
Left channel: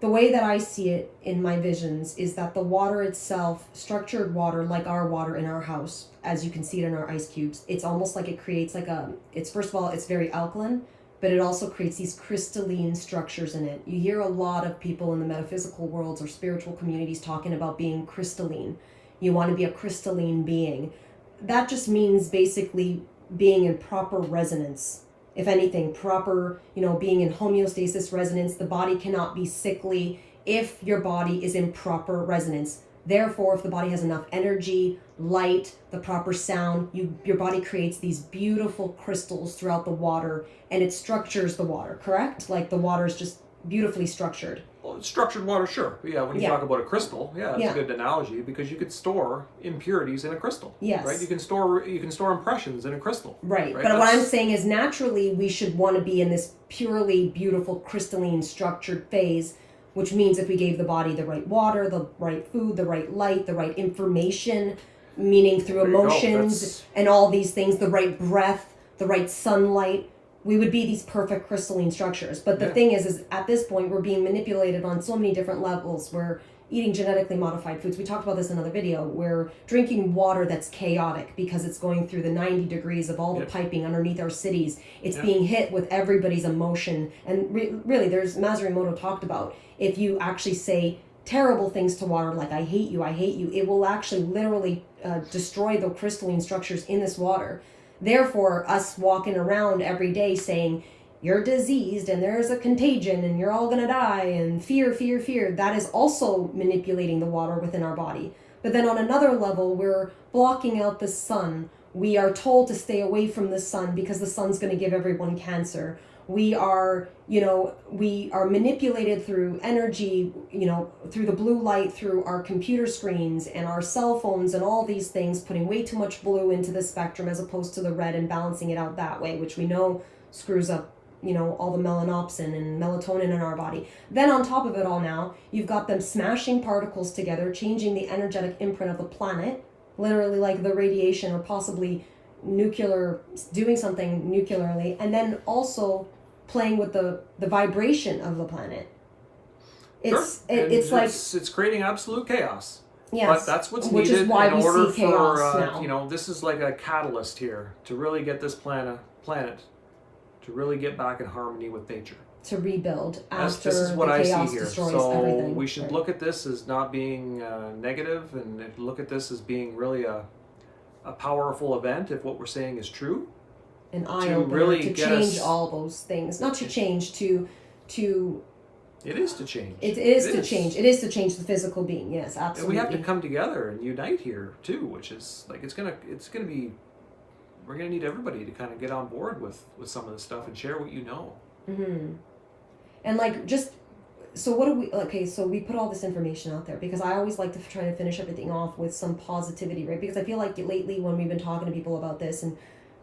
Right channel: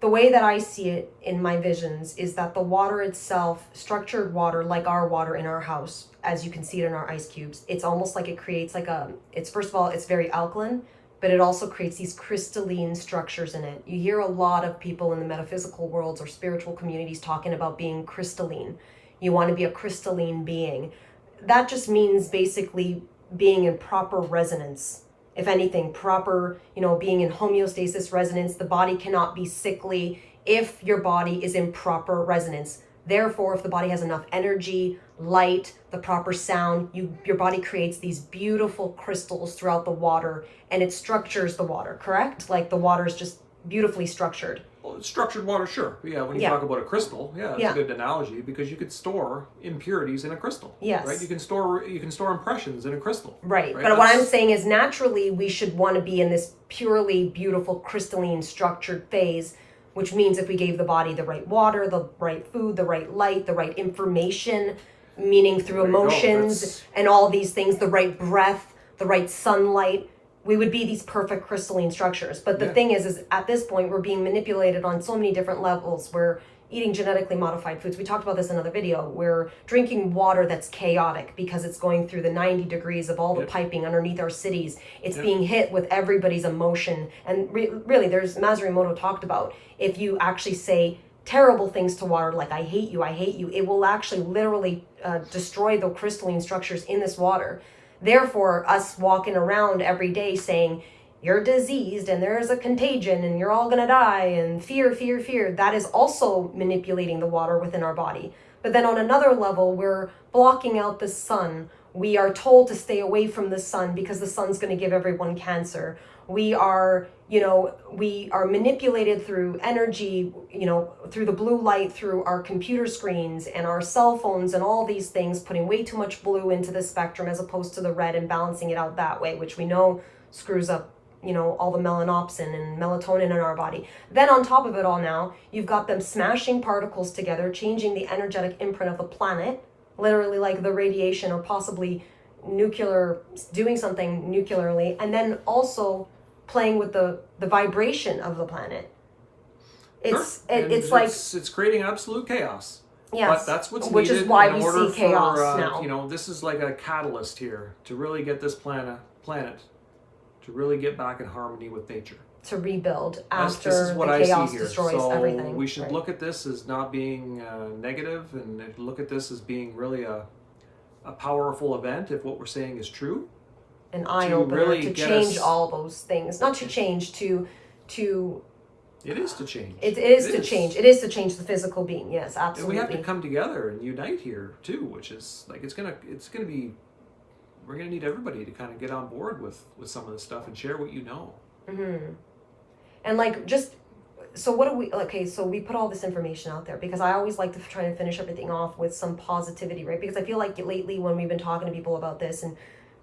the way that I see it in my visions is that the water itself, structured water, like our water in our house, as you can see it in our ice cubes, it's almost like it creates like it's first of all, it's very alkaline, but it also creates these crystalline structures in it. You hear a lot of people in the metaphysical worlds or spiritual communities talking about being crystalline. You want to be a crystalline being. That just means basically being in proper resonance. If anything, proper, being in homeostasis resonance. The body cannot be sickly if your body is in proper resonance. Therefore, if the body has enough energy, light, the proper sound, your body creates these beautiful crystals throughout the water, and it structures the water, correct? Like the water is just beautifully structured. Well, structured water, sure. But yeah, when you talk about a crystal, it's a good analogy, because you could store impurities in a crystal. Yes. Right? You can store impressions in a crystal. Right. But what I'm saying is, naturally we should want to be in this purely beautiful crystalline structured phase, which means if we gave the body the right water, the right food, the right light, the right information, meaning through emotions and all these things, the right breath, the right sunlight, we would be these perfect crystalline structures. But the thing is at this point, we're being manipulated on so many different levels. We're eating genetically modified foods. We talked about this in another video. We're drinking water that's chaotic because it's going through the 90 degrees of all the piping underneath our cities. It's being hit with everybody's emotion. And really, there's Masaru Emoto talked about, if you actually say terrible things to water, like I hate you, it will actually literally destroy the crystalline structures in this water. Therefore, us walking around every day saying, you're diseased and there's a contagion and you're all going to die and fear, that is also manipulating the water within our body. But then on another level, we're blocking out the sun. We are told to stay away from the sun because the sun's going to give everyone cancer. We are, we are manipulated through energy, through the blue light, through our computer screens and our cell phones and all these things, putting way too much blue into the spectrum as opposed to the red and balancing it out that way, which we know screws up, all the melanopsin and melatonin in our body. Then on top of it all now, you've got them smashing particles together, changing the energetic imprint of the planet, literally like the radiation or possibly nuclear, doing something nuclearly, and then also playing with the vibration of the planet. It's creating absolute chaos. Yes. But that's what's Which needed is why in we order see chaos for now. this is like a catalyst here to really get this planet to really get back in harmony with nature. To rebuild after this is what the I chaos see here. destroys So everything. we should look at this as not being negative, and look at this as being really a powerful event if what we're saying is true. An eye-opener really to get change us- all those things. Not to change, to It is to change. It is to change. It is to change the physical being. Yes, absolutely. And we have to come together and unite here too, which is like it's gonna be. We're gonna need everybody to kind of get on board with some of this stuff and share what you know. Mm-hmm. And so what do we? Okay, so we put all this information out there because I always like to try to finish everything off with some positivity, right? Because I feel like lately when we've been talking to people about this, and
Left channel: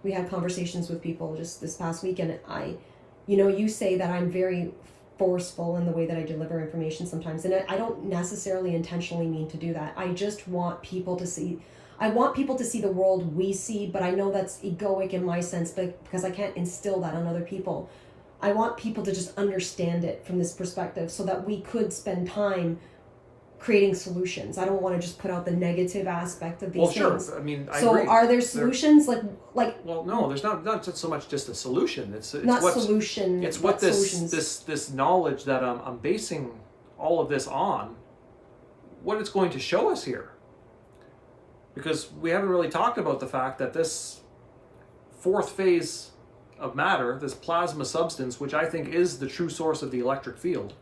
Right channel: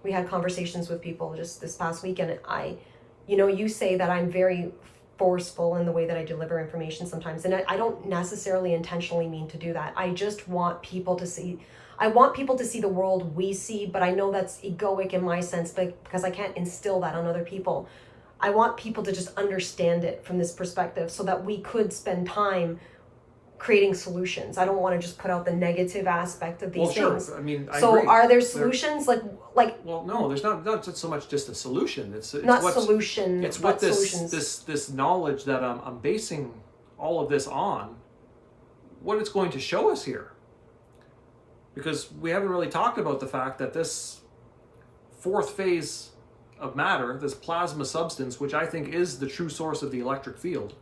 we had conversations with people just this past weekend, you say that I'm very forceful in the way that I deliver information sometimes, and I don't necessarily intentionally mean to do that. I just want people to see. I want people to see the world we see, but I know that's egoic in my sense, but because I can't instill that on other people. I want people to just understand it from this perspective so that we could spend time creating solutions. I don't want to just put out the negative aspect of these things. Sure. I mean, I so agree. are there solutions like? Well, no, there's not so much just a solution. It's not what solution. It's what solutions. this knowledge that I'm basing all of this on, what it's going to show us here. Because we haven't really talked about the fact that this fourth phase of matter, this plasma substance, which I think is the true source of the electric field,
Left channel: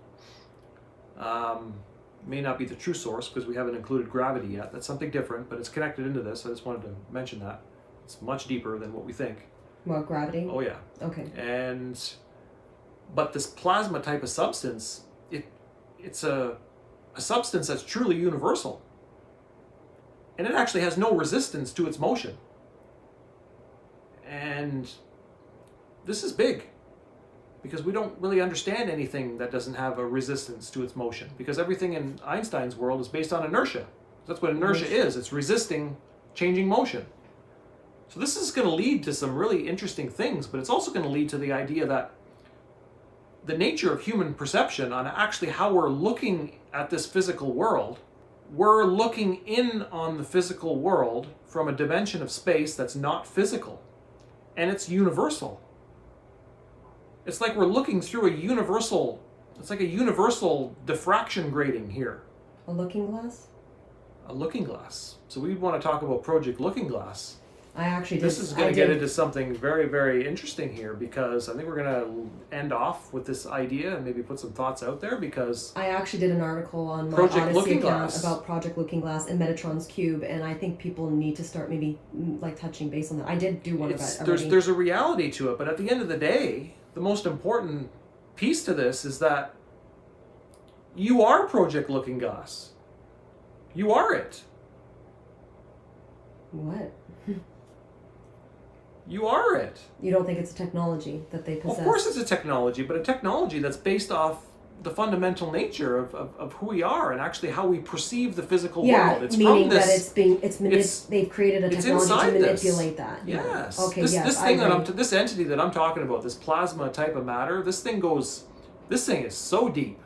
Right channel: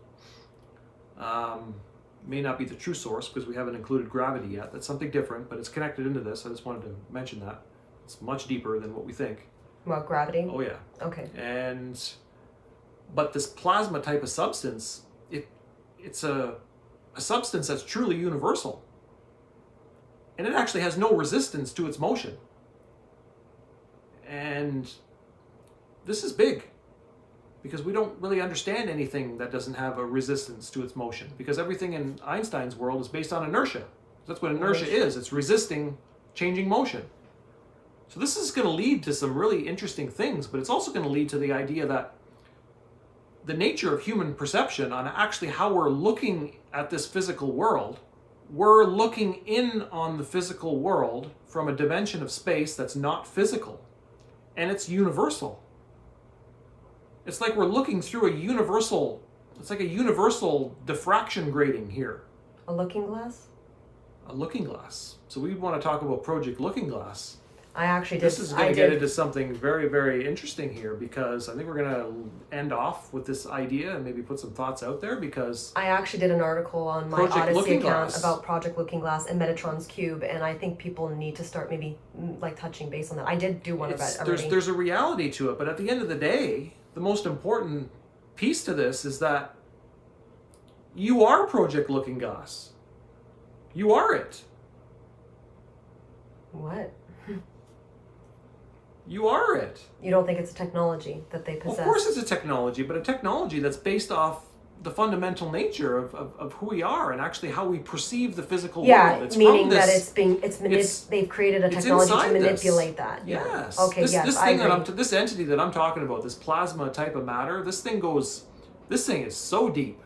may not be the true source because we haven't included gravity yet. That's something different, but it's connected into this. I just wanted to mention that. It's much deeper than what we think. What, gravity? Oh yeah. Okay. But this plasma type of substance, it's a substance that's truly universal. And it actually has no resistance to its motion. And this is big. because we don't really understand anything that doesn't have a resistance to its motion, because everything in Einstein's world is based on inertia. That's what inertia is. It's resisting changing motion. So this is going to lead to some really interesting things, but it's also going to lead to the idea that the nature of human perception on actually how we're looking at this physical world, we're looking in on the physical world from a dimension of space that's not physical, and it's universal. It's like we're looking through it's like a universal diffraction grating here. A looking glass? A looking glass. So we want to talk about Project Looking Glass. I actually This is going to get into something very, very interesting here, because I think we're going to end off with this idea and maybe put some thoughts out there, because I actually did an article on my Project Odyssey Looking account Glass. about Project Looking Glass and Metatron's cube, and I think people need to start maybe like touching base on that. I did do one of that already. There's a reality to it, but at the end of the day, the most important piece to this is that you are Project Looking Glass. You are it. What? You are it. You don't think it's a technology that they possess? Of course it's a technology, but a technology that's based off the fundamental nature of who we are and actually how we perceive the physical world. It's meaning from this, that they've created a technology to manipulate that. Yes. Okay. This thing this entity that I'm talking about, this plasma type of matter, this thing is so deep.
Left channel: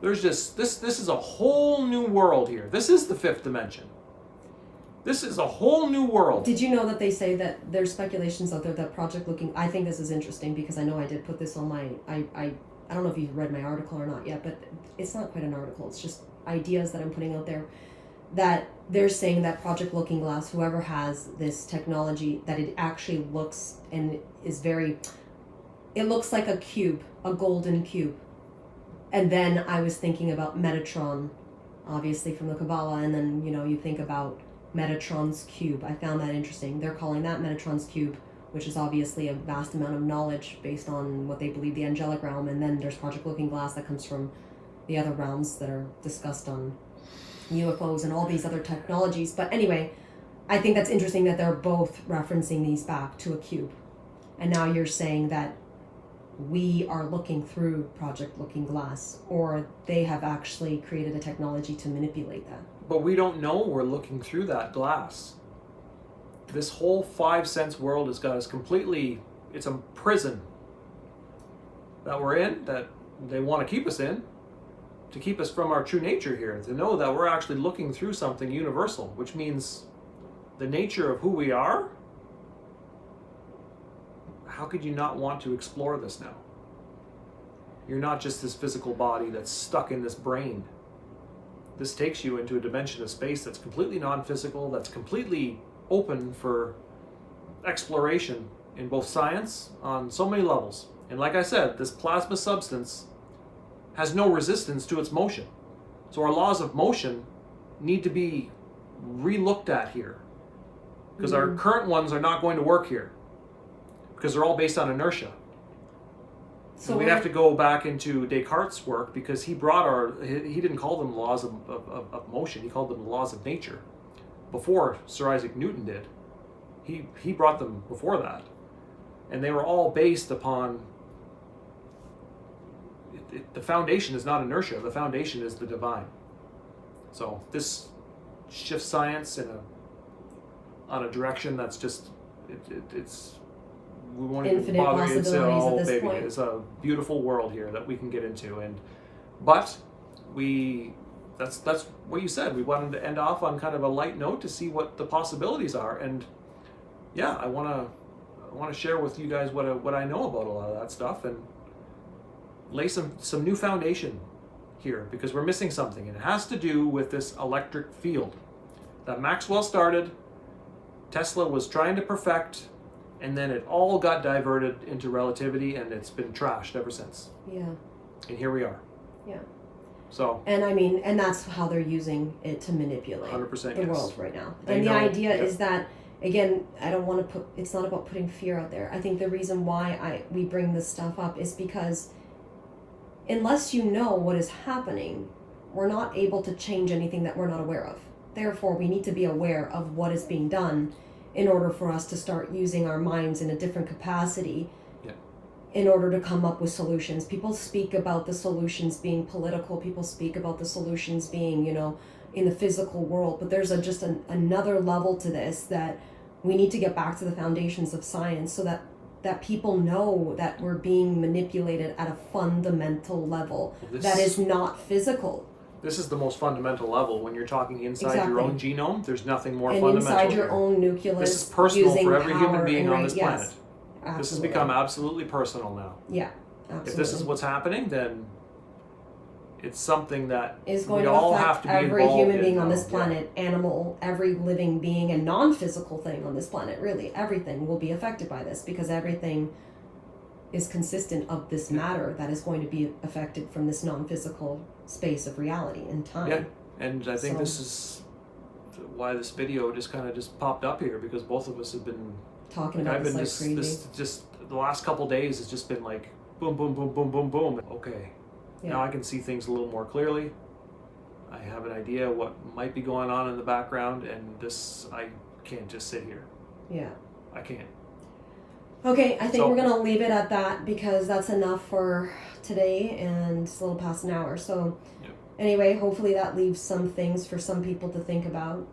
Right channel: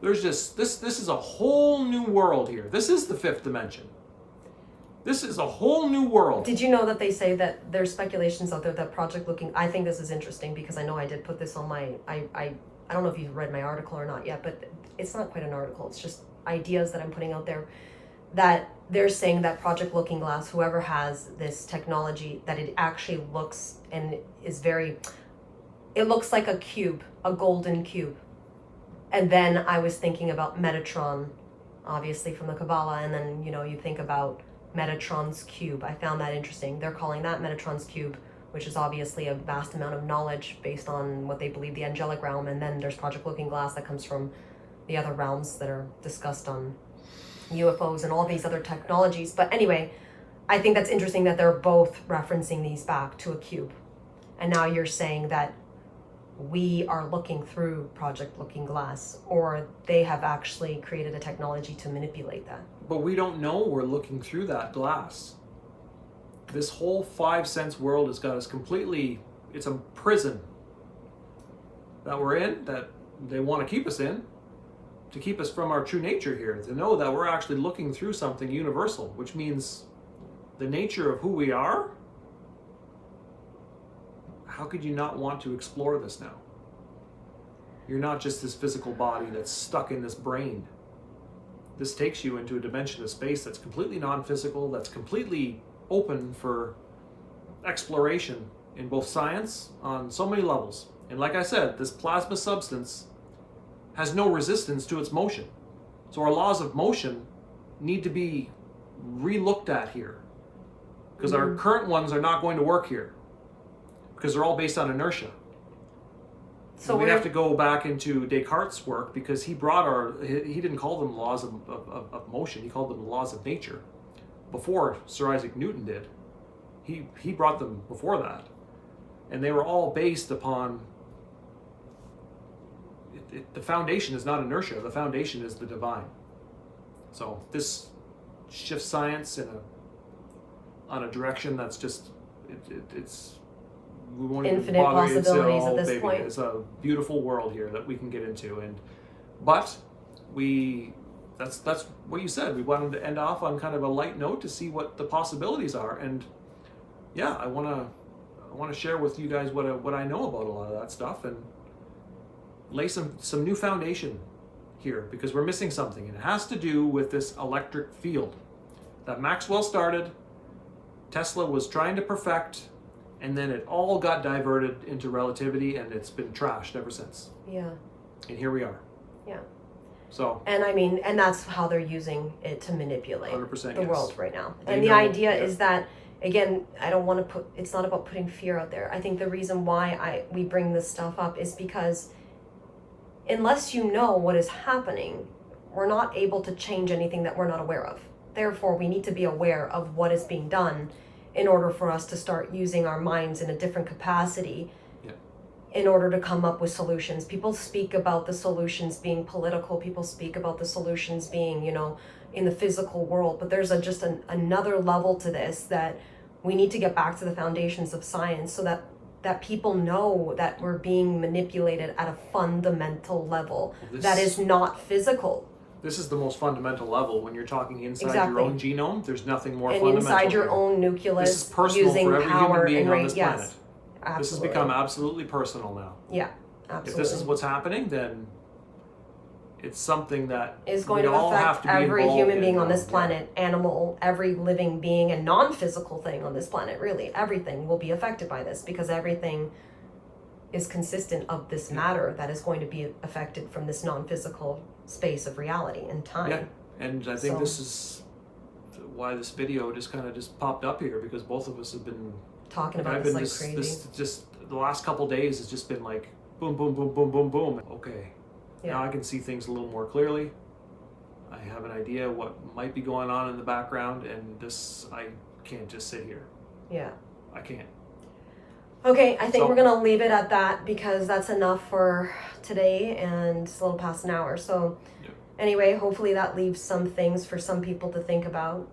There's just this is a whole new world here. This is the fifth dimension. This is a whole new world. Did you know that they say that there's speculations out there that Project Looking... I think this is interesting because I know I did put this on my... I don't know if you've read my article or not yet, but it's not quite an article. It's just ideas that I'm putting out there, that they're saying that Project Looking Glass, whoever has this technology, that it actually looks and is very... It looks like a cube, a golden cube. And then I was thinking about Metatron, obviously from the Kabbalah, and then, you think about Metatron's cube. I found that interesting. They're calling that Metatron's cube, which is obviously a vast amount of knowledge based on what they believe the angelic realm, and then there's Project Looking Glass that comes from the other realms that are discussed on UFOs and all these other technologies. But anyway, I think that's interesting that they're both referencing these back to a cube. And now you're saying that we are looking through Project Looking Glass, or they have actually created a technology to manipulate that. But we don't know we're looking through that glass. This whole 5 sense world has got us completely, it's a prison that we're in, that they want to keep us in, to keep us from our true nature here, to know that we're actually looking through something universal, which means the nature of who we are. How could you not want to explore this now? You're not just this physical body that's stuck in this brain. This takes you into a dimension of space that's completely non-physical, that's completely open for exploration in both science on so many levels. And like I said, this plasma substance has no resistance to its motion. So our laws of motion need to be re-looked at here, because our current ones are not going to work here, because they're all based on inertia. So we have to go back into Descartes' work, because he didn't call them laws of motion, he called them laws of nature. Before Sir Isaac Newton did. He brought them before that. And they were all based upon, the foundation is not inertia, the foundation is the divine. So this shifts science on a direction that's just, it's we won't infinite even bother. possibilities at this point. It's a beautiful world here that we can get into, that's what you said. We wanted to end off on kind of a light note to see what the possibilities are, and yeah, I want to share with you guys what I know about a lot of that stuff and lay some new foundation here, because we're missing something, and it has to do with this electric field that Maxwell started, Tesla was trying to perfect, and then it all got diverted into relativity, and it's been trashed ever since. Yeah. And here we are. Yeah. So. And that's how they're using it to manipulate 100% the world right now. And the idea is that, again, I don't want to it's not about putting fear out there. I think the reason why we bring this stuff up is because unless you know what is happening, we're not able to change anything that we're not aware of. Therefore, we need to be aware of what is being done in order for us to start using our minds in a different capacity. Yeah. in order to come up with solutions. People speak about the solutions being political. People speak about the solutions being, in the physical world. But there's another level to this, that we need to get back to the foundations of science, so that people know that we're being manipulated at a fundamental level that is not physical. This is the most fundamental level. When you're talking inside your own genome, there's nothing more and fundamental. Inside your own nucleus. This is personal for every human being on this planet. Yes, absolutely. This has become absolutely personal now. Yeah, absolutely. If this is what's happening, then it's something that is going we to all affect have to be every involved human in being now. on this planet, animal, every living being and non-physical thing on this planet. Really, everything will be affected by this, because everything is consistent of this matter that is going to be affected from this non-physical space of reality and time. Yeah, and I think this is why this video just popped up here, because both of us have been talking about this like crazy. Just the last couple days has just been like boom, boom, boom, boom, boom, boom. Okay, now I can see things a little more clearly. I have an idea what might be going on in the background, and I can't just sit here. Yeah. I can't. Okay, I think we're going to leave it at that, because that's enough for today, and it's a little past an hour. So anyway, hopefully that leaves some things for some people to think about,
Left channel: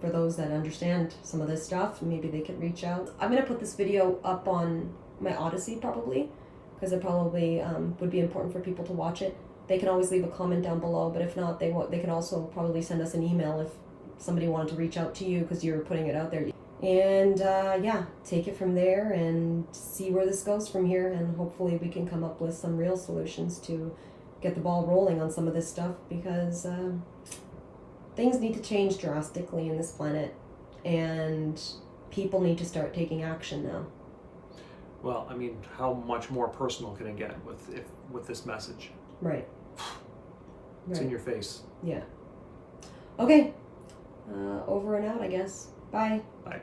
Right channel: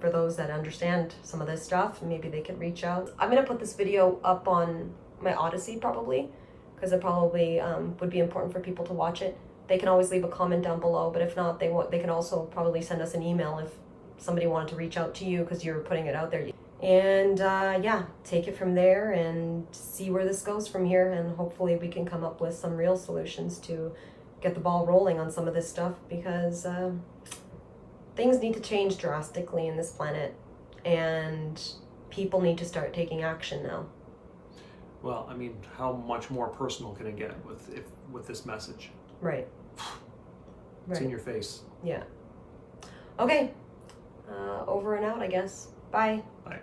for those that understand some of this stuff. Maybe they could reach out. I'm going to put this video up on my Odyssey probably, because it probably would be important for people to watch it. They can always leave a comment down below, but if not, they can also probably send us an email if somebody wanted to reach out to you because you're putting it out there. And take it from there and see where this goes from here, and hopefully we can come up with some real solutions to get the ball rolling on some of this stuff, because things need to change drastically in this planet, and people need to start taking action now. Well, I mean, how much more personal can it get with this message? Right. It's in your face. Yeah. Okay. Over and out, I guess. Bye. Bye.